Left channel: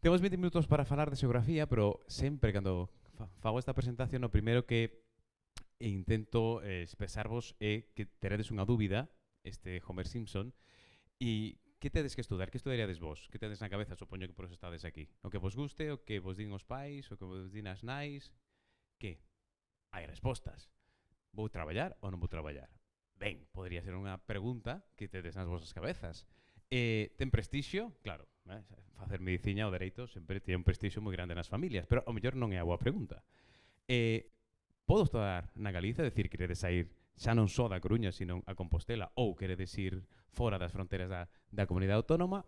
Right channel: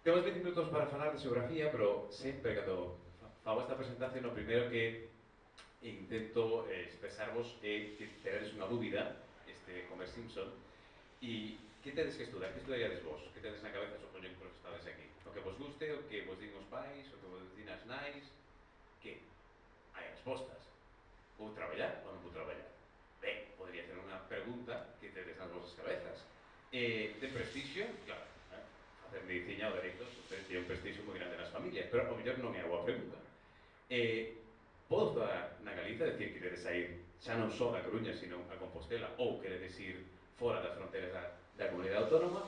Temos 20 minutos para falar de xeografía, pero sempre cando fago esta presentación, o primeiro que intento expresarvos é que teredes unha dúbida, Homer Simpson, e que tedes que estudar? Que estudaríades vos? Que tedes na cabeza? Supoño que por eso estades aquí. O que vos guste, o que vos din os pais, o que vos din as nais. Que? Hai respostas. Vou traballar ou non vou traballar? Ben, podría ser unha pregunta que tedes nas vosas cabezas. Ten prestixio? Claro, facer medicina ou dereito sempre ten un prestixio moi grande nas familias, pero ao mellor non é a boa pregunta. Podo estudar na Galiza, decir, queredes sair xa non só da Coruña, sino a Compostela, ou queredes ir fora das fronteras da comunidade autónoma,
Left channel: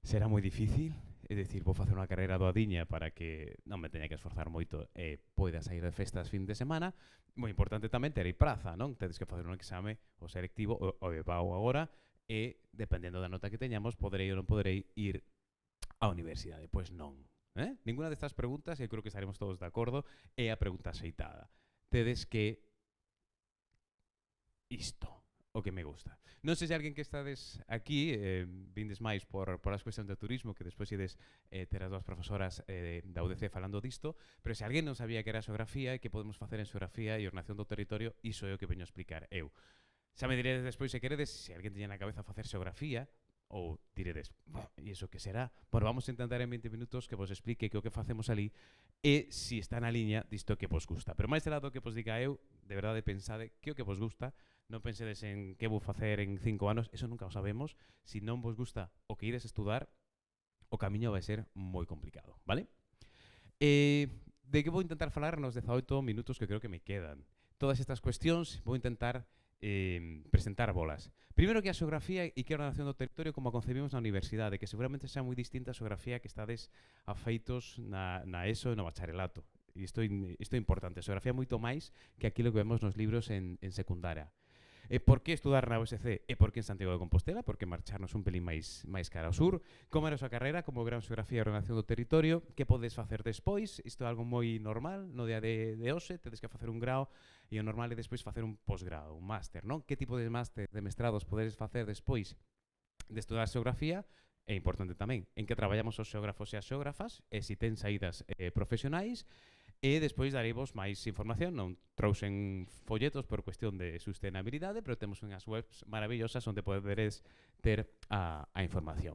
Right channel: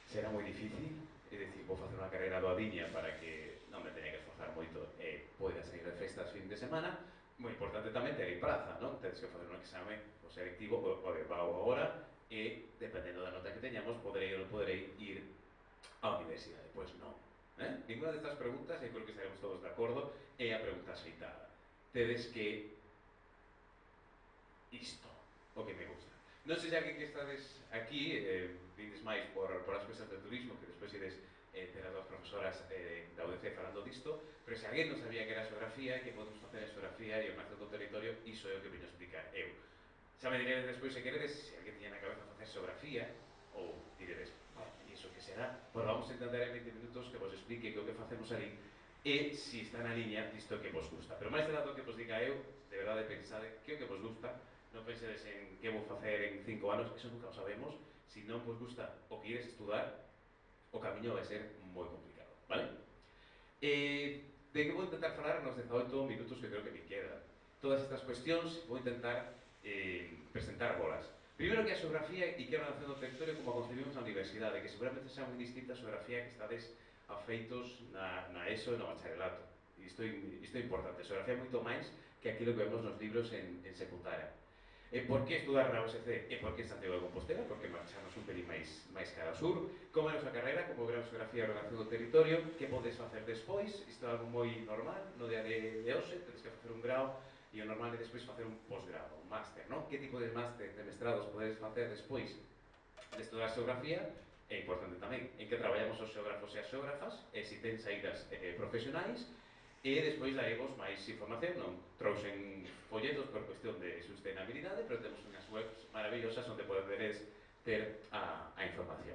será moi difícil, é dicir, vou facer unha carreira doadiña para que non me teña que esforzar moito e poida sair de festas fin de semana. Moi importante tamén ter praza, non? Tedes que facer un exame o selectivo, o de pago agora, e dependendo da nota que teñamos, poderei ou non poderei ir á universidade. Pois non. Ninguna destas preguntas, e creo que estaremos todos de acordo, é a pregunta aceitada. Tedes que isto, o que me gusta. Non sei se alguén que estades aquí, vindes máis por as cuestións de turismo, que despois ides ter as dúas profesoras da UDC falando disto, pero se alguén non sabía que era xeografía e que podemos facer en xeografía e ordenación do territorio, iso é o que veño a explicar eu. Xa me diredes despois se queredes, se alguén tiña na cabeza facer xeografía, ou diredes, e iso que será? Pois vamos a intentar en 20 minutos que vos explique que o que facemos ali e se está na liña disto que vos gusta. Pero máis de lado que vos diga eu, de verdade pensade que o que vos gusta, non pensedes en que vou facer en 5 anos, eso nunca o sabemos. Se non vos gusta o que ides estudar, o camiño vai ser moi complicado, vale? De que vou intentar falar nos 18 minutos que creo que me quedan. Todas estas cuestións vou intentar presentar bolas. Primeiro que a xeografía e que a ordenación do territorio como a concebimos na universidade, que seguramente xa moi distinta a xeografía que estades afeitos na ESO e no bacharelato. E isto é importante. A xeografía é moito máis que aquilo que vemos nos libros en secundaria. E por que estudar na USC? E por que Santiago de Compostela? Porque marcharnos un pelín máis cara ao sur. Como é a nosa carreira, como gran xeografía e ordenación do territorio, que podes facer despois? Isto é algo moi normal no día de hoxe, tedes que facer un grau e o normal é despois facer un posgrado, un máster, non? Que tipo de máster, de mestrados podedes facer despois de estudar xeografía? É importante tamén en que traballamos os xeógrafos e as xeógrafas e se ten saídas profesionais. E despois dareivos máis información, non trouxen folletos por cuestión de sustenabilidade, pero temos unhas webs maravillosas onde poderes ter a información.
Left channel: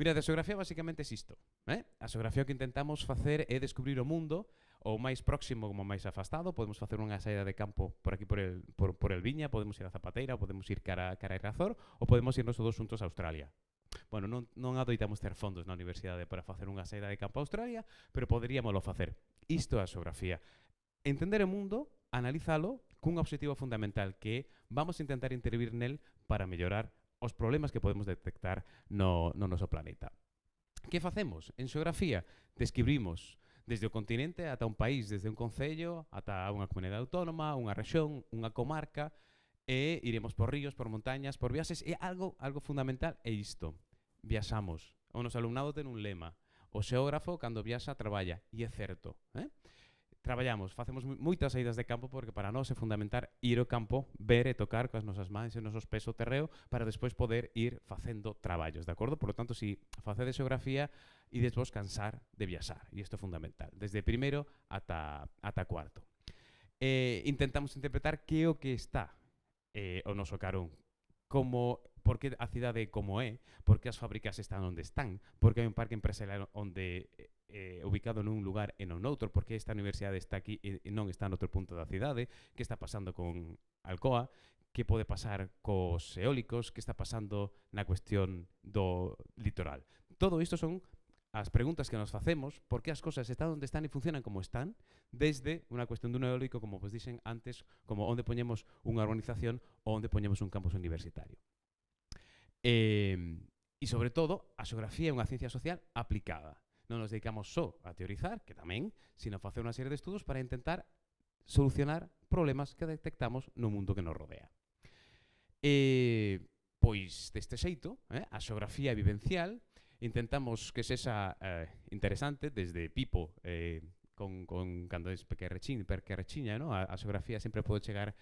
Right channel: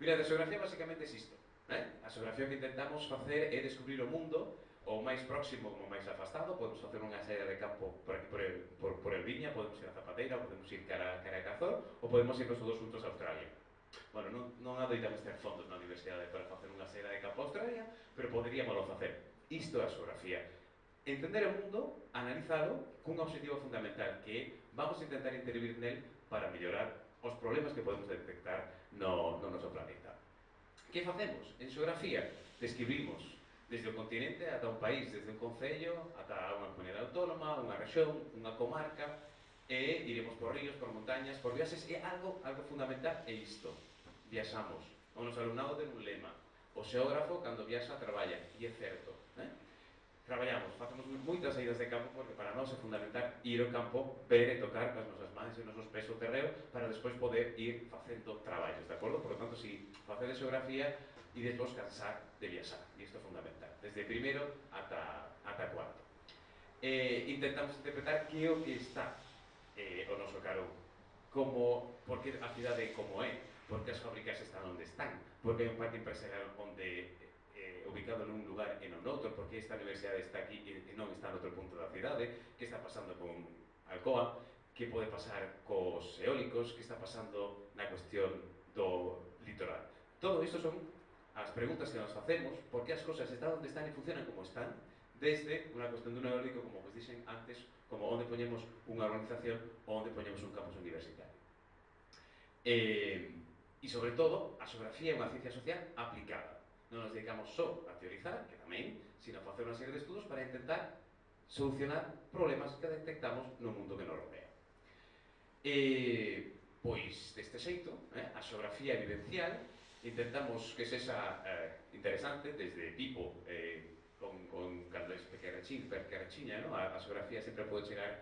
Mira, a xeografía basicamente é isto. A xeografía que intentamos facer é descubrir o mundo o máis próximo como máis afastado. Podemos facer unha saída de campo por aquí por el Viña, podemos ir a Zapateira, podemos ir cara a Cazor, ou podemos irnos todos juntos a Australia. Bueno, non adoitamos ter fondos na universidade para facer unha saída de campo a Australia, pero poderíamoslo facer. Isto é a xeografía. Entender o mundo, analizalo cun obxectivo fundamental, que é vamos a intentar intervir nel para mellorar os problemas que podemos detectar no noso planeta. Que facemos? En xeografía describimos desde o continente ata un país, desde un concello ata unha comunidade autónoma, unha rexión, unha comarca, e iremos por ríos, por montañas, por viaxes, e algo fundamental é isto. Viaxamos. O noso alumnado ten un lema: o xeógrafo, cando viaxa, traballa. E é certo. Traballamos, facemos moitas saídas de campo porque para nós é fundamental ir ao campo, ver e tocar coas nosas mans e os nosos pés o terreo para despois poder ir facendo traballos, de acordo? Por lo tanto, se facedes xeografía, ides vos cansar de viaxar. E isto é fundamental. Desde primeiro ata cuarto. Intentamos interpretar que é o que está o noso carón. Por que a cidade é como é, por que as fábricas están onde están, por que hai un parque empresarial onde ubicado nun lugar e non noutro, por que esta universidade está aquí e non está noutro punto da cidade, que está pasando con Alcoa, que pode pasar cos eólicos, que está pasando na cuestión do litoral. Todo isto son as preguntas que nos facemos, por que as cousas están onde están e funcionan como están, desde unha cuestión dun eólico, como vos dixen antes, como onde poñemos unha organización ou onde poñemos un campus universitario. E sobre todo, a xeografía é unha ciencia social aplicada. Non nos dedicamos só a teorizar, que tamén, sino a facer unha serie de estudos para intentar solucionar problemas que detectamos no mundo que nos rodea. Pois, deste xeito, a xeografía vivencial, intentamos que sexa interesante, desde Pipo, cando es pequerrechiña, no? A xeografía sempre pode chegar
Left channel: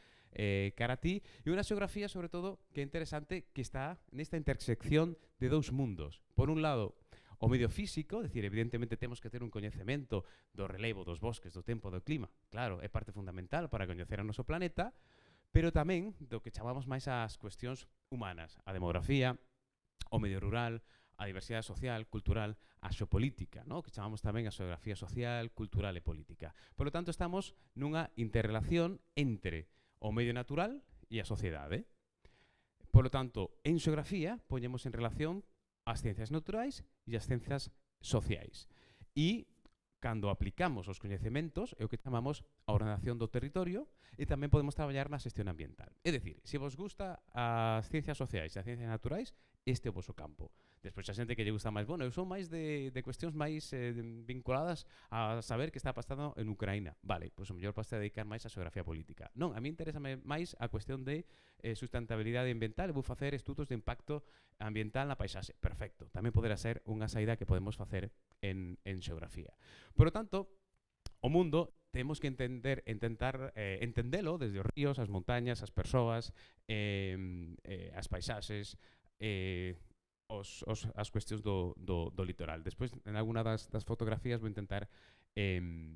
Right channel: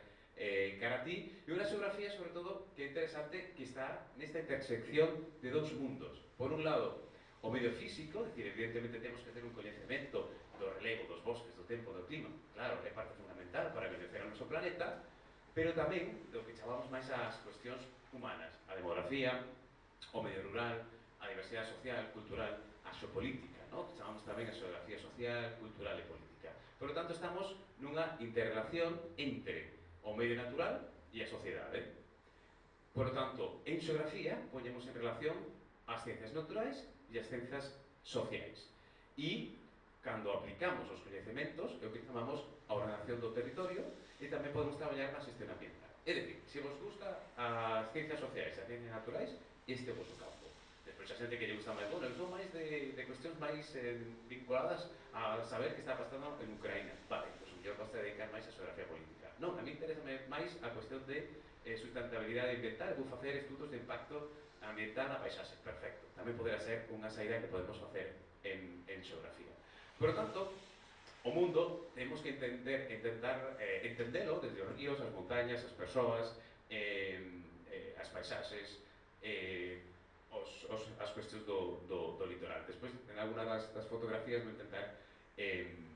cara a ti, e unha xeografía, sobre todo, que é interesante, que está nesta intersección de dous mundos. Por un lado, o medio físico, decir, evidentemente temos que ter un coñecemento do relevo dos bosques, do tempo, do clima, claro, é parte fundamental para coñecer o noso planeta, pero tamén do que chamamos máis as cuestións humanas, a demografía, o medio rural, a diversidade social, cultural, a xeopolítica, ¿no? Que chamamos tamén a xeografía social, cultural e política. Por lo tanto, estamos nunha interrelación entre o medio natural e a sociedade. Por lo tanto, en xeografía, poñemos en relación as ciencias naturais e as ciencias sociais. E, cando aplicamos os coñecementos, é o que chamamos a ordenación do territorio, e tamén podemos traballar na xestión ambiental. É dicir, se vos gusta as ciencias sociais e as ciencias naturais, este é o vosso campo. Despois a xente que lle gusta máis, bueno, eu son máis de cuestións máis vinculadas a saber que está pasando en Ucraína. Vale, pois o mellor vas a dedicar máis a xeografía política. Non, a mí interesa máis a cuestión de sustentabilidade ambiental, vou facer estudos de impacto ambiental na paisaxe. Perfecto, tamén poderá ser unha saída que podemos facer en xeografía. Por lo tanto, o mundo temos que intentar entendelo desde os ríos, as montañas, as persoas, as paisaxes, as cuestións do litoral. Despois, en alguna das fotografías vou intentar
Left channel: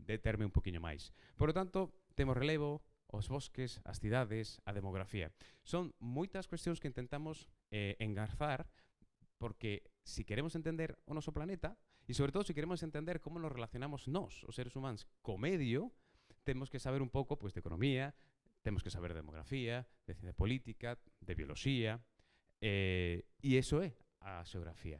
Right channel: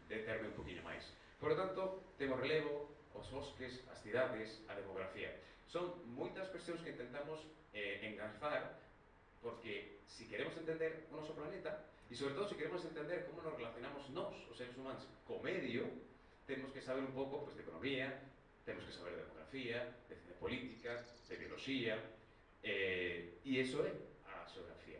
determe un poquinho máis. Por lo tanto, temos relevo, os bosques, as cidades, a demografía. Son moitas cuestións que intentamos engarzar, porque se queremos entender o noso planeta, e sobre todo se queremos entender como nos relacionamos nós, os seres humanos, co medio, temos que saber un pouco pois, de economía, temos que saber de demografía, de ciencia política, de bioloxía, e iso é a xeografía.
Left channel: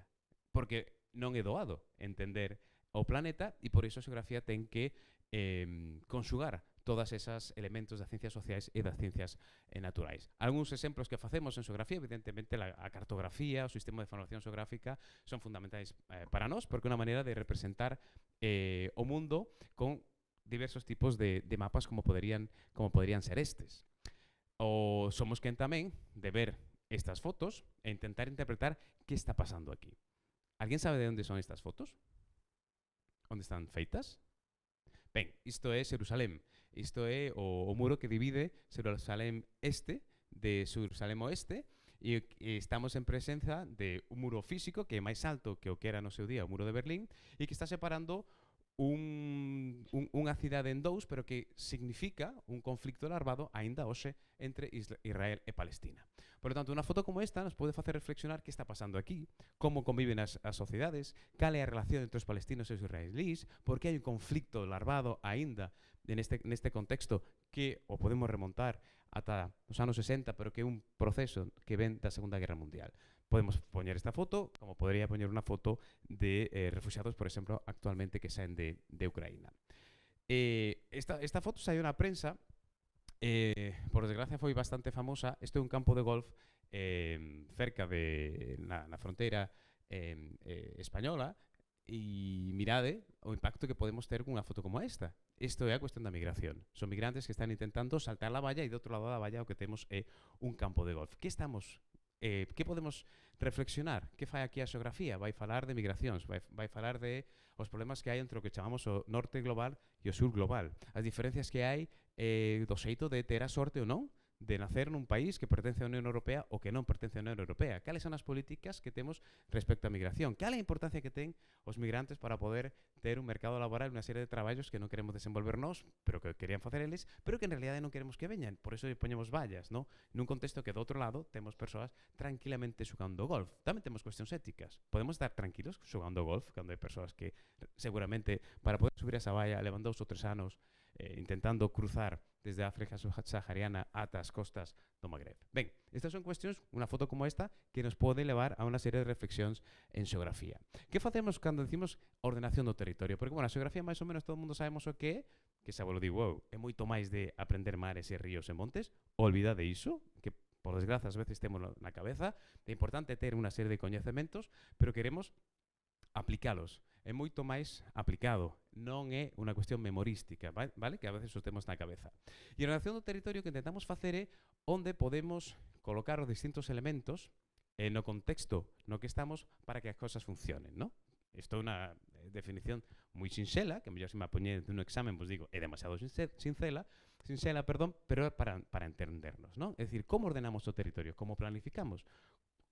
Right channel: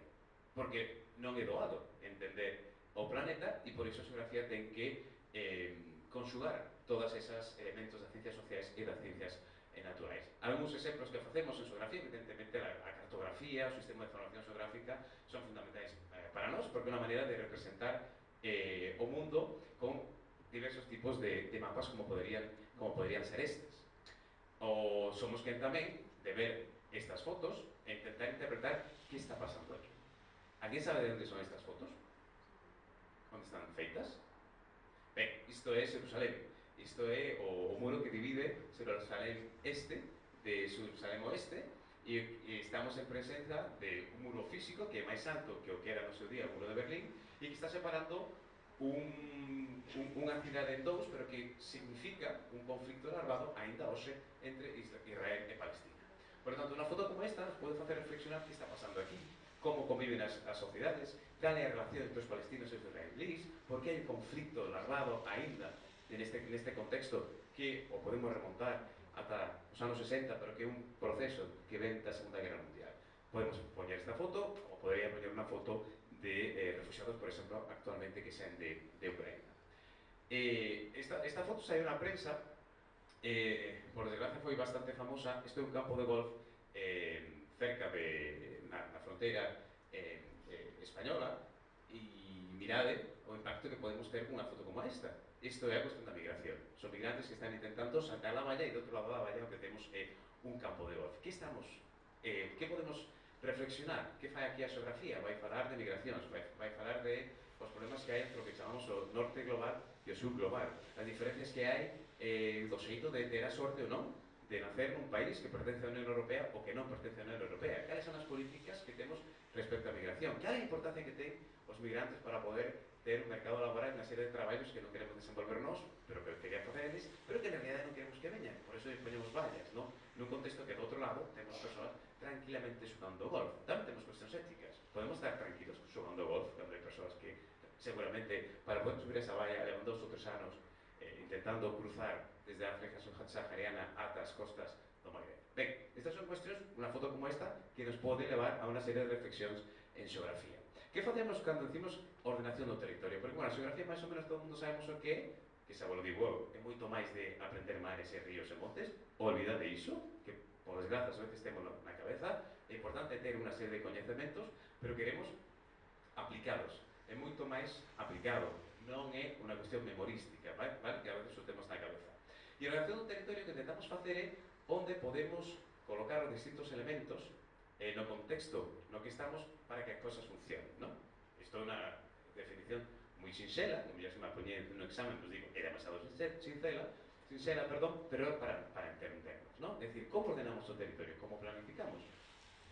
Porque non é doado entender o planeta, e por iso a xeografía ten que conxugar todas esas elementos das ciencias sociais e das ciencias naturais. Algúns exemplos que facemos en xeografía, evidentemente a cartografía, o sistema de información xeográfica son fundamentais para nós, porque é unha maneira de representar o mundo con diversos tipos de mapas como poderían ser estes. O somos quen tamén de ver estas fotos e intentar interpretar que está pasando aquí. Alguén sabe de onde son estas fotos? Onde están feitas? Ben, isto é Xerusalén. Isto é o muro que divide Xerusalén este de Xerusalén oeste, e estamos en presenza de un muro físico que é máis alto que o que era no seu día o muro de Berlín, e que está separando unha cidade en dous, pero que significa un conflicto larvado aínda hoxe entre Israel e Palestina. Por lo tanto, unha foto como esta nos pode facer reflexionar que está pasando aquí, como conviven as sociedades, cal é a relación entre os palestinos e os israelíes, por que hai un conflicto larvado aínda neste contexto que o podemos remontar ata os anos 60, pero que é un proceso que ven da Segunda Guerra Mundial. Podemos poñer esta foto, como podría poñer unha foto de refugiados, por exemplo, actualmente que saen de Ucraína. Esta foto saiu na prensa, por desgracia foi bastante famosa. Isto é un campo de golf cerca na fronteira española, e mirade o impacto que podemos ter cunha foto como esta. Isto é a cuestión da migración. Son migrantes que están intentando saltar la valla, e do outro lado da valla o que temos é un campo de golf. Que podemos reflexionar? Que fai aquí a xeografía? Vai falar de migracións, vai falar de os problemas que hai entre o que chamamos o norte global e o sur global. As diferencias que hai do xeito de ter a sorte ou non de nacer nun país que pertence á Unión Europea ou que non pertence á Unión Europea. Cales son as políticas que temos respecto á migración? Cal é a importancia que ten os migrantes para poder ter un mercado laboral e unha serie de traballos que non queremos desenvolver nós, pero que querían facer eles, pero que en realidade non queremos que veñan. Por iso poñemos vallas, non? Nun contexto que do outro lado temos persoas tranquilamente xogando golf. Tamén temos cuestións éticas. Podemos estar tranquilos xogando golf cando hai persoas que seguramente para poder subir esa valla levan 2 ou 3 anos intentando cruzar desde a África subsahariana ata as costas do Magreb. Ben, estas son cuestións, unha foto como esta, que nos pode levar a unha serie de reflexións en xeografía. Que facemos cando decimos ordenación do territorio? Porque, bueno, a xeografía máis ou menos todo o mundo sabemos o que é, que xa vos lo digo eu, é moito máis de aprender mares e ríos e montes, olvidade iso, que por desgraza ás veces temos na cabeza. É importante ter unha serie de coñecementos, pero queremos aplicalos. É moito máis aplicado, non é unha cuestión memorística, vale? Que a veces o temos na cabeza. E a ordenación do territorio que intentamos facer é onde podemos colocar os distintos elementos no contexto no que estamos para que as cosas funcionen, non? Isto é unha definición moi sinxela, que mellor se me apoñe dun examen, pois digo, é demasiado sinxela, pero é para entendernos, non? É dicir, como ordenamos o territorio, como planificamos,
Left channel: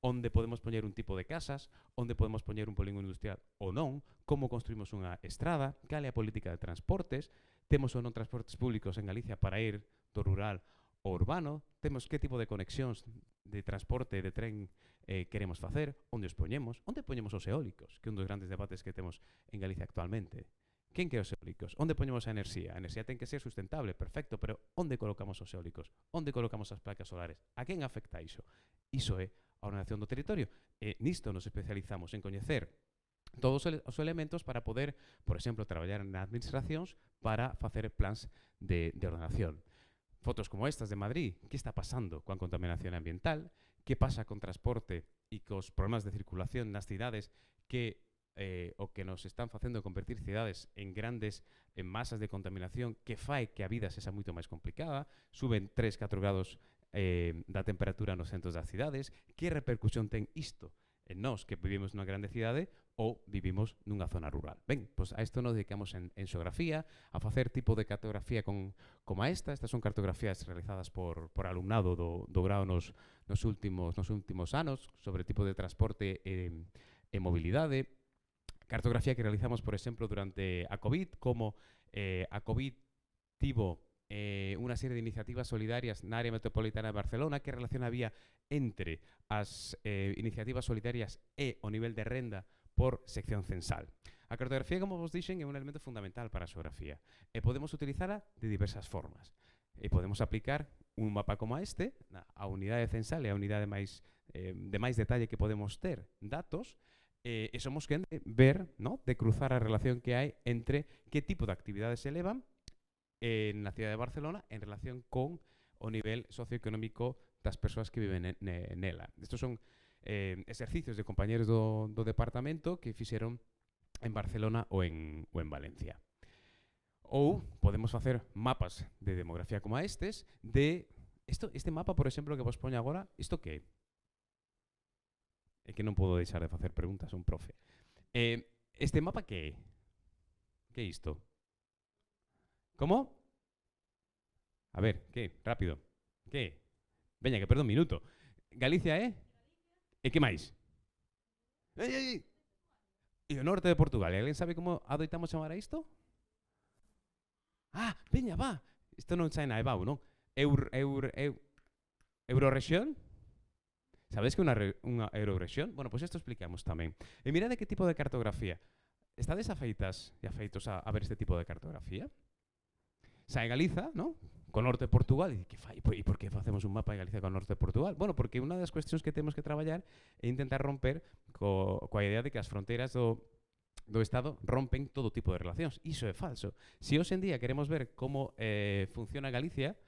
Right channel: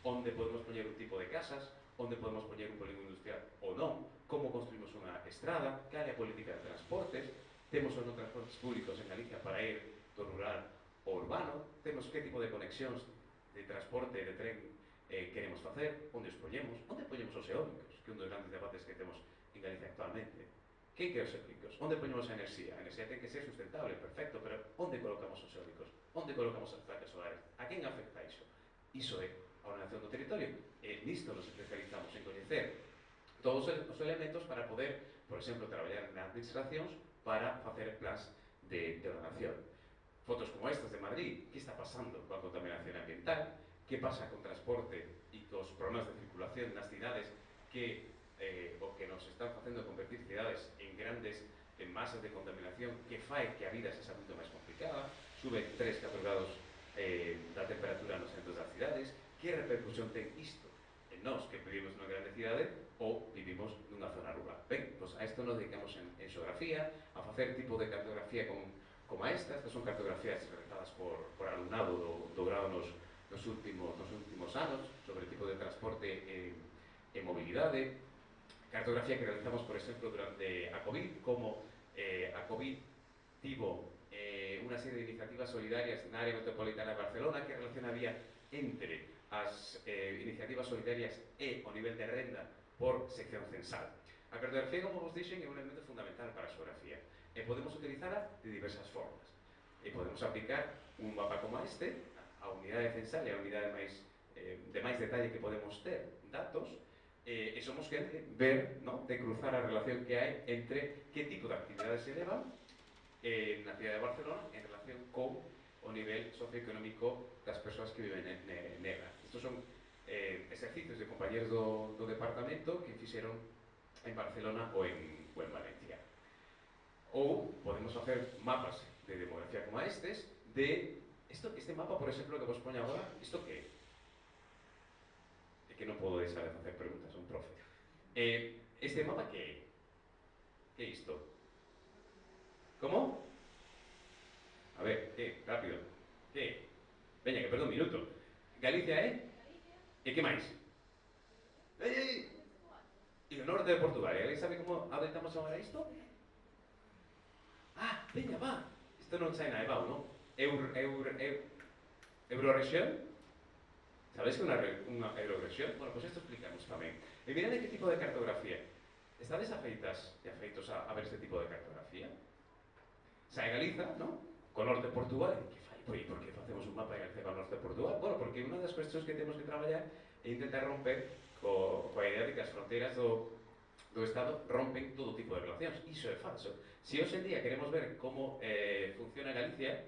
onde podemos poñer un tipo de casas, onde podemos poñer un polígono industrial ou non, como construimos unha estrada, cal é a política de transportes, temos ou non transportes públicos en Galicia para ir do rural ao urbano, temos que tipo de conexións de transporte de tren queremos facer, onde os poñemos os eólicos, que é un dos grandes debates que temos en Galicia actualmente. Quen quere os eólicos? Onde poñemos a enerxía? A enerxía ten que ser sustentable, perfecto, pero onde colocamos os eólicos? Onde colocamos as placas solares? A quen afecta iso? Iso é a ordenación do territorio. E nisto nos especializamos en coñecer todos os elementos para poder, por exemplo, traballar nas administracións para facer plans de ordenación. Fotos como estas de Madrid, que está pasando coa contaminación ambiental, que pasa con transporte e cos problemas de circulación nas cidades que o que nos están facendo convertir cidades en grandes masas de contaminación que fai que a vida sexa moito máis complicada, suben 3-4 grados da temperatura nos centros das cidades, que repercusión ten isto en nós que vivimos nunha grande cidade ou vivimos nunha zona rural. Ben, pois a isto nos dedicamos en xeografía, a facer tipo de cartografía como esta. Estas son cartografías realizadas por alumnado do grado nos últimos anos sobre tipo de transporte e mobilidade. Cartografía que realizamos, por exemplo, durante a COVID, como a COVID tivo unha serie de iniciativas solidarias na área metropolitana de Barcelona que relación había entre as iniciativas solidarias e o nivel de renda por sección censal. A cartografía, como vos dixen, é un elemento fundamental para a xeografía e podemos utilizala de diversas formas. E podemos aplicar un mapa como este, a unidade censal e a unidade de máis detalle que podemos ter datos, e somos quen ver, no, de cruzar a relación que hai entre que tipo de actividades se elevan na cidade de Barcelona en relación con o nivel socioeconómico das persoas que viven nela. Estos son exercicios de compañeros do departamento que fixeron en Barcelona ou en Valencia. Ou podemos facer mapas de demografía como estes este mapa, por exemplo, que vos poño agora, isto que é? É que non podo deixar de facer preguntas, un profe. Este mapa que é? Que é isto? Como? A ver, que? Rápido. Que? Veña, que perdo un minuto. Galicia é? E que máis? E o norte de Portugal. E alguén sabe como adoitamos chamar a isto? Ah, veña, va. Isto non sai na EBAU, non? Eurorexión? Sabedes que unha eurorexión? Bueno, pois isto explicamos tamén. E mirad de que tipo de cartografía. Estades afeitas e afeitos a ver este tipo de cartografía? Sae Galiza, non? Co norte de Portugal, e que fai? E por que facemos un mapa de Galicia co norte de Portugal? Bueno, porque unha das cuestións que temos que traballar é intentar romper coa idea de que as fronteiras do Estado rompen todo tipo de relacións. Iso é falso. Se hoxe en día queremos ver como funciona Galicia,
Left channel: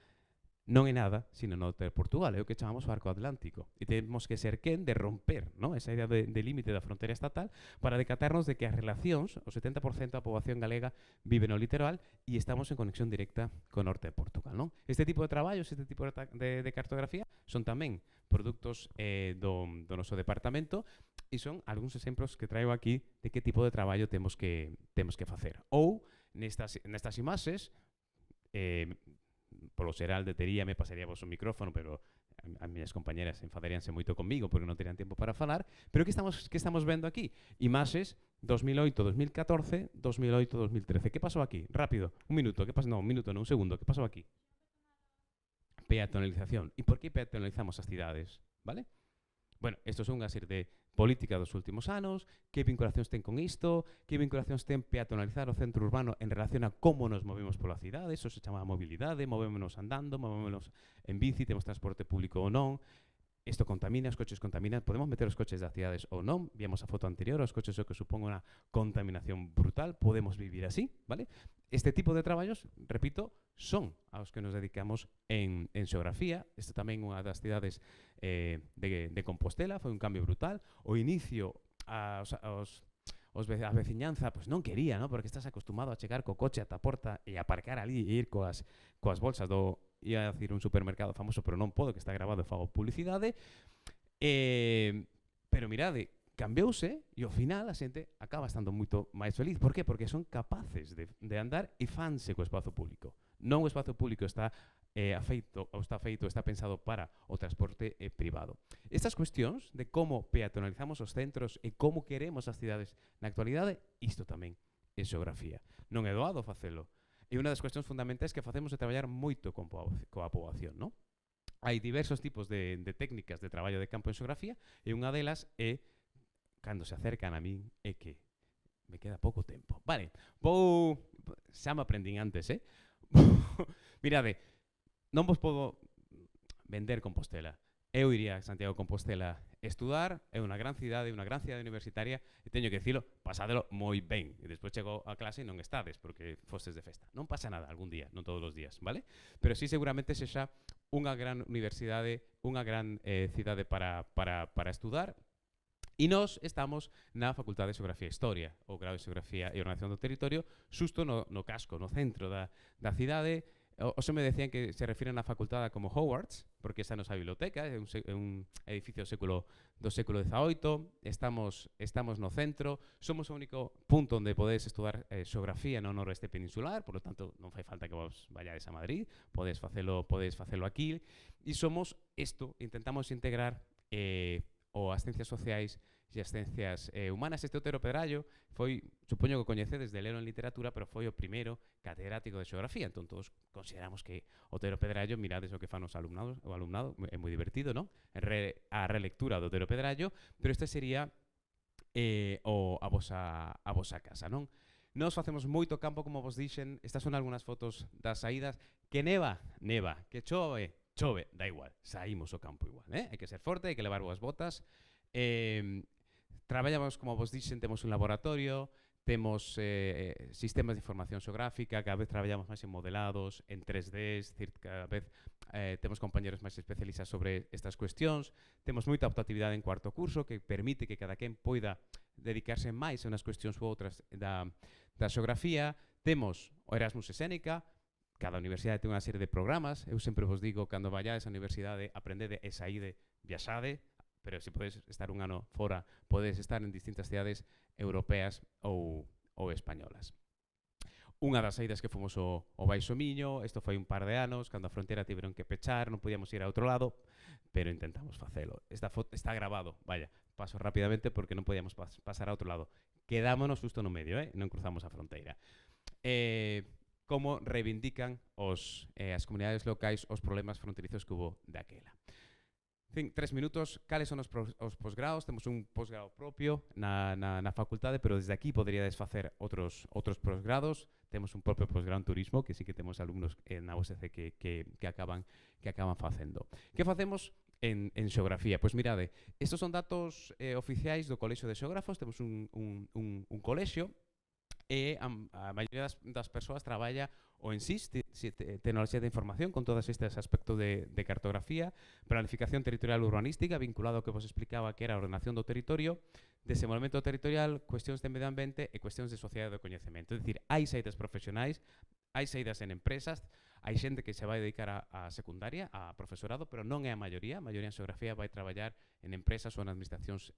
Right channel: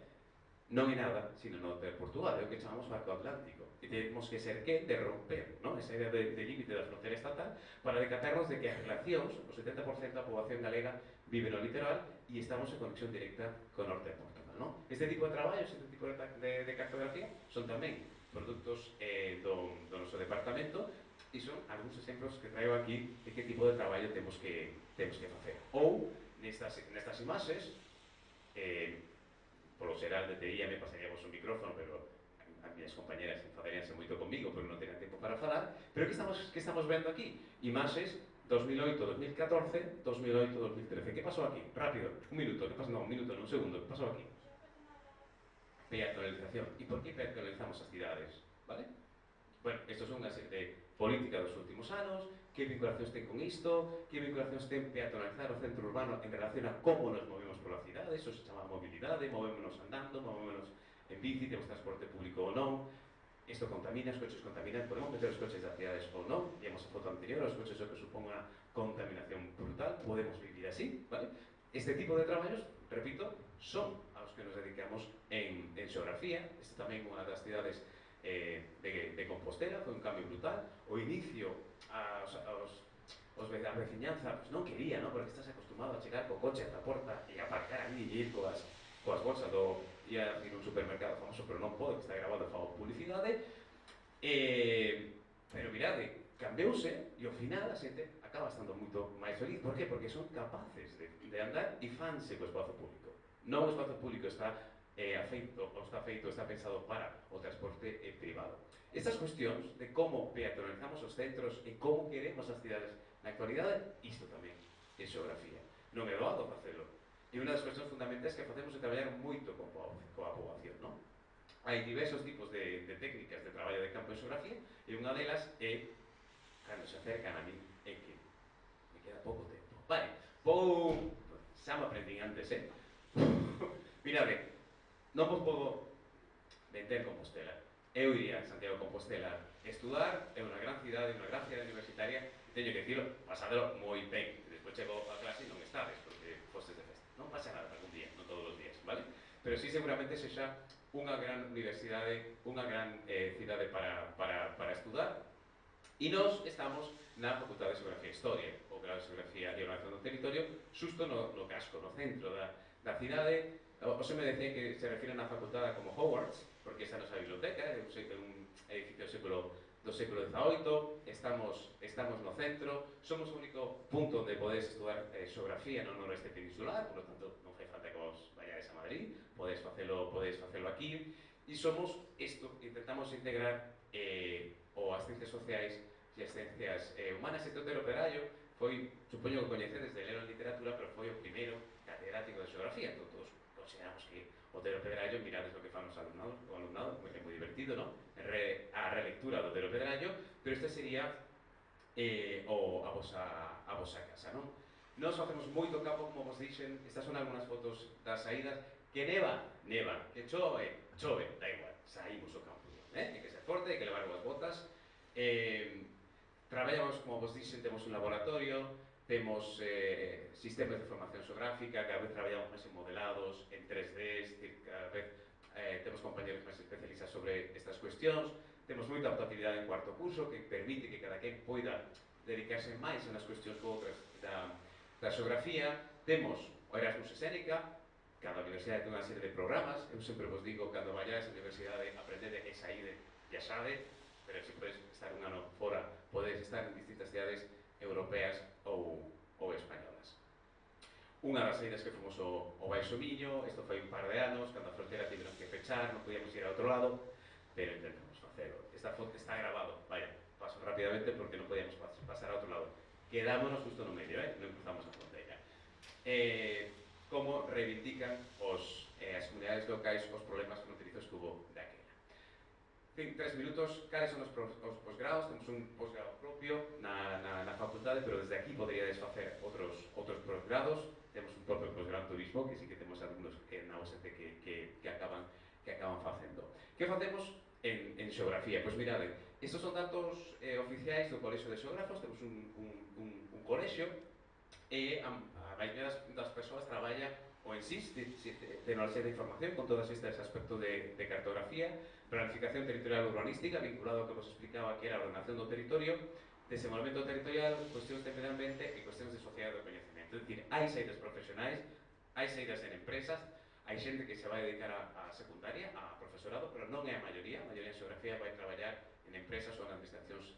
non é nada, sino no norte de Portugal, é o que chamamos o arco atlántico. E temos que ser quen de romper, ¿no?, esa idea de límite da fronteira estatal para decatarnos de que as relacións, o 70% da poboación galega vive no litoral e estamos en conexión directa co norte de Portugal, ¿no? Este tipo de traballos, este tipo de cartografía son tamén produtos do noso departamento e son algúns exemplos que traigo aquí de que tipo de traballo temos que facer. Ou, nestas imaxes, polo xeral deteríame, pasaríamos o micrófono, pero as miñas compañeras enfadaríanse moito comigo porque non tenían tempo para falar, pero que estamos vendo aquí? Imaxes 2008-2014, 2008-2013. Que pasou aquí? Rápido, un minuto, que pasou? Non, un minuto, non, un segundo, que pasou aquí? Peatonalización. E por que peatonalizamos as cidades? Vale? Bueno, estos son unha serie de política dos últimos anos, que vinculacións ten con isto, que vinculacións ten peatonalizar o centro urbano en relación a como nos movemos pola cidade, eso se chama mobilidade, movémonos andando, movémonos en bici, temos transporte público ou non, isto contamina, os coches contaminan, podemos meter os coches das cidades ou non, víamos a foto anterior, os coches o que supón unha contaminación brutal, podemos vivir así, vale? Este tipo de traballos, repito, son aos que nos dedicamos en xeografía. Isto tamén unha das cidades de Compostela, foi un cambio brutal. O inicio, a veciñanza, pues non quería, ¿no? Porque estás acostumado a chegar co coche ata a porta e aparcar ali e ir coas bolsas ia a decir un supermercado famoso, pero non podo, que está grabado e fago publicidade. Pero mirade, cambiouse e ao final a xente acaba estando moito máis feliz. Por qué? Porque son capaces de andar e fanse co espazo público. Non o espazo público está feito, está pensado para o transporte privado. Estas cuestións de como peatonalizamos os centros e como queremos as cidades na actualidade, isto tamén é xeografía. Non é doado facelo. E unha das cuestións fundamentais que facemos é traballar moito coa poboación, non? Hai diversos tipos de técnicas de traballo de campo en xeografía e unha delas é, cando se acercan a min, é que me queda pouco tempo. Vale, xa me aprendín antes, Mirade, non vos podo vender Compostela. Eu iría a Santiago de Compostela estudar, é unha gran cidade universitaria, e teño que dicilo, pasadelo moi ben. E despois chego a clase e non estades, porque fostes de festa. Non pasa nada algún día, non todos os días, vale? Pero sí seguramente sexa unha gran universidade, unha gran cidade para estudar. E nós estamos na Facultade de Xeografía e Historia, o grado de Xeografía e Ordenación do Territorio, xusto no casco, no centro da cidade. Os me decían que se refiren á facultade como Hogwarts, porque esa é a nosa biblioteca, é un edificio do século XVIII, estamos no centro, somos o único punto onde podedes estudar xeografía no noroeste peninsular, por lo tanto non fai falta que vos vayades a Madrid, podedes facelo aquí, e somos isto, intentamos integrar as ciencias sociais e as ciencias humanas. Este Otero Pedrallo foi, supoño que o coñecedes de lelo en literatura, pero foi o primeiro catedrático de xeografía, entón todos consideramos que Otero Pedrallo, mirades o que fan os alumnados, o alumnado, é moi divertido, non? A relectura do Otero Pedrallo, pero este sería a vosa casa, non? Nós facemos moito campo, como vos dixen, estas son algunhas fotos das saídas, que neva, que chove, da igual, saímos ao campo igual, hai que ser forte, hai que levar boas botas, traballamos, como vos dixen, temos un laboratorio, temos sistemas de formación xeográfica, cada vez traballamos máis en modelados, en 3D, es decir, cada vez temos compañeros máis especializados sobre estas cuestións, temos moita optatividade en cuarto curso que permite que cada quen poida dedicarse máis a unhas cuestións ou outras da xeografía, temos o Erasmus Escénica, cada universidade ten unha serie de programas, eu sempre vos digo, cando vayades á universidade, aprendede e saíde, viaxade, pero se podes estar un ano fora, podes estar en distintas cidades europeas ou españolas. Unha das saídas que fomos ao Baixo Miño, isto foi un par de anos, cando a frontera tiveron que pechar, non podíamos ir a outro lado, pero intentamos facelo. Esta foto está grabado, vaya, paso rapidamente porque non podíamos pasar a outro lado. Quedámonos justo no medio, non cruzamos a fronteira. Como reivindican as comunidades locais os problemas fronterizos que hubo daquela. 3 minutos, cales son os posgrados? Temos un posgrado propio na facultade, pero desde aquí poderíades facer outros posgrados. Temos un propio posgrado en turismo, que sí que temos alumnos na USC que acaban facendo. Que facemos en xeografía? Pois mirade, estos son datos oficiais do Colexio de Xeógrafos, temos un colexio, e a maioría das persoas traballa o en SIS, tecnoloxía de información, con todos estes aspectos de cartografía, planificación territorial urbanística, vinculado ao que vos explicaba que era a ordenación do territorio, desenvolvemento territorial, cuestións de medio ambiente e cuestións de sociedade do coñecemento. É dicir, hai saídas profesionais, hai saídas en empresas, hai xente que se vai dedicar a secundaria, a profesorado, pero non é a maioría de xeografía vai traballar en empresas ou en administracións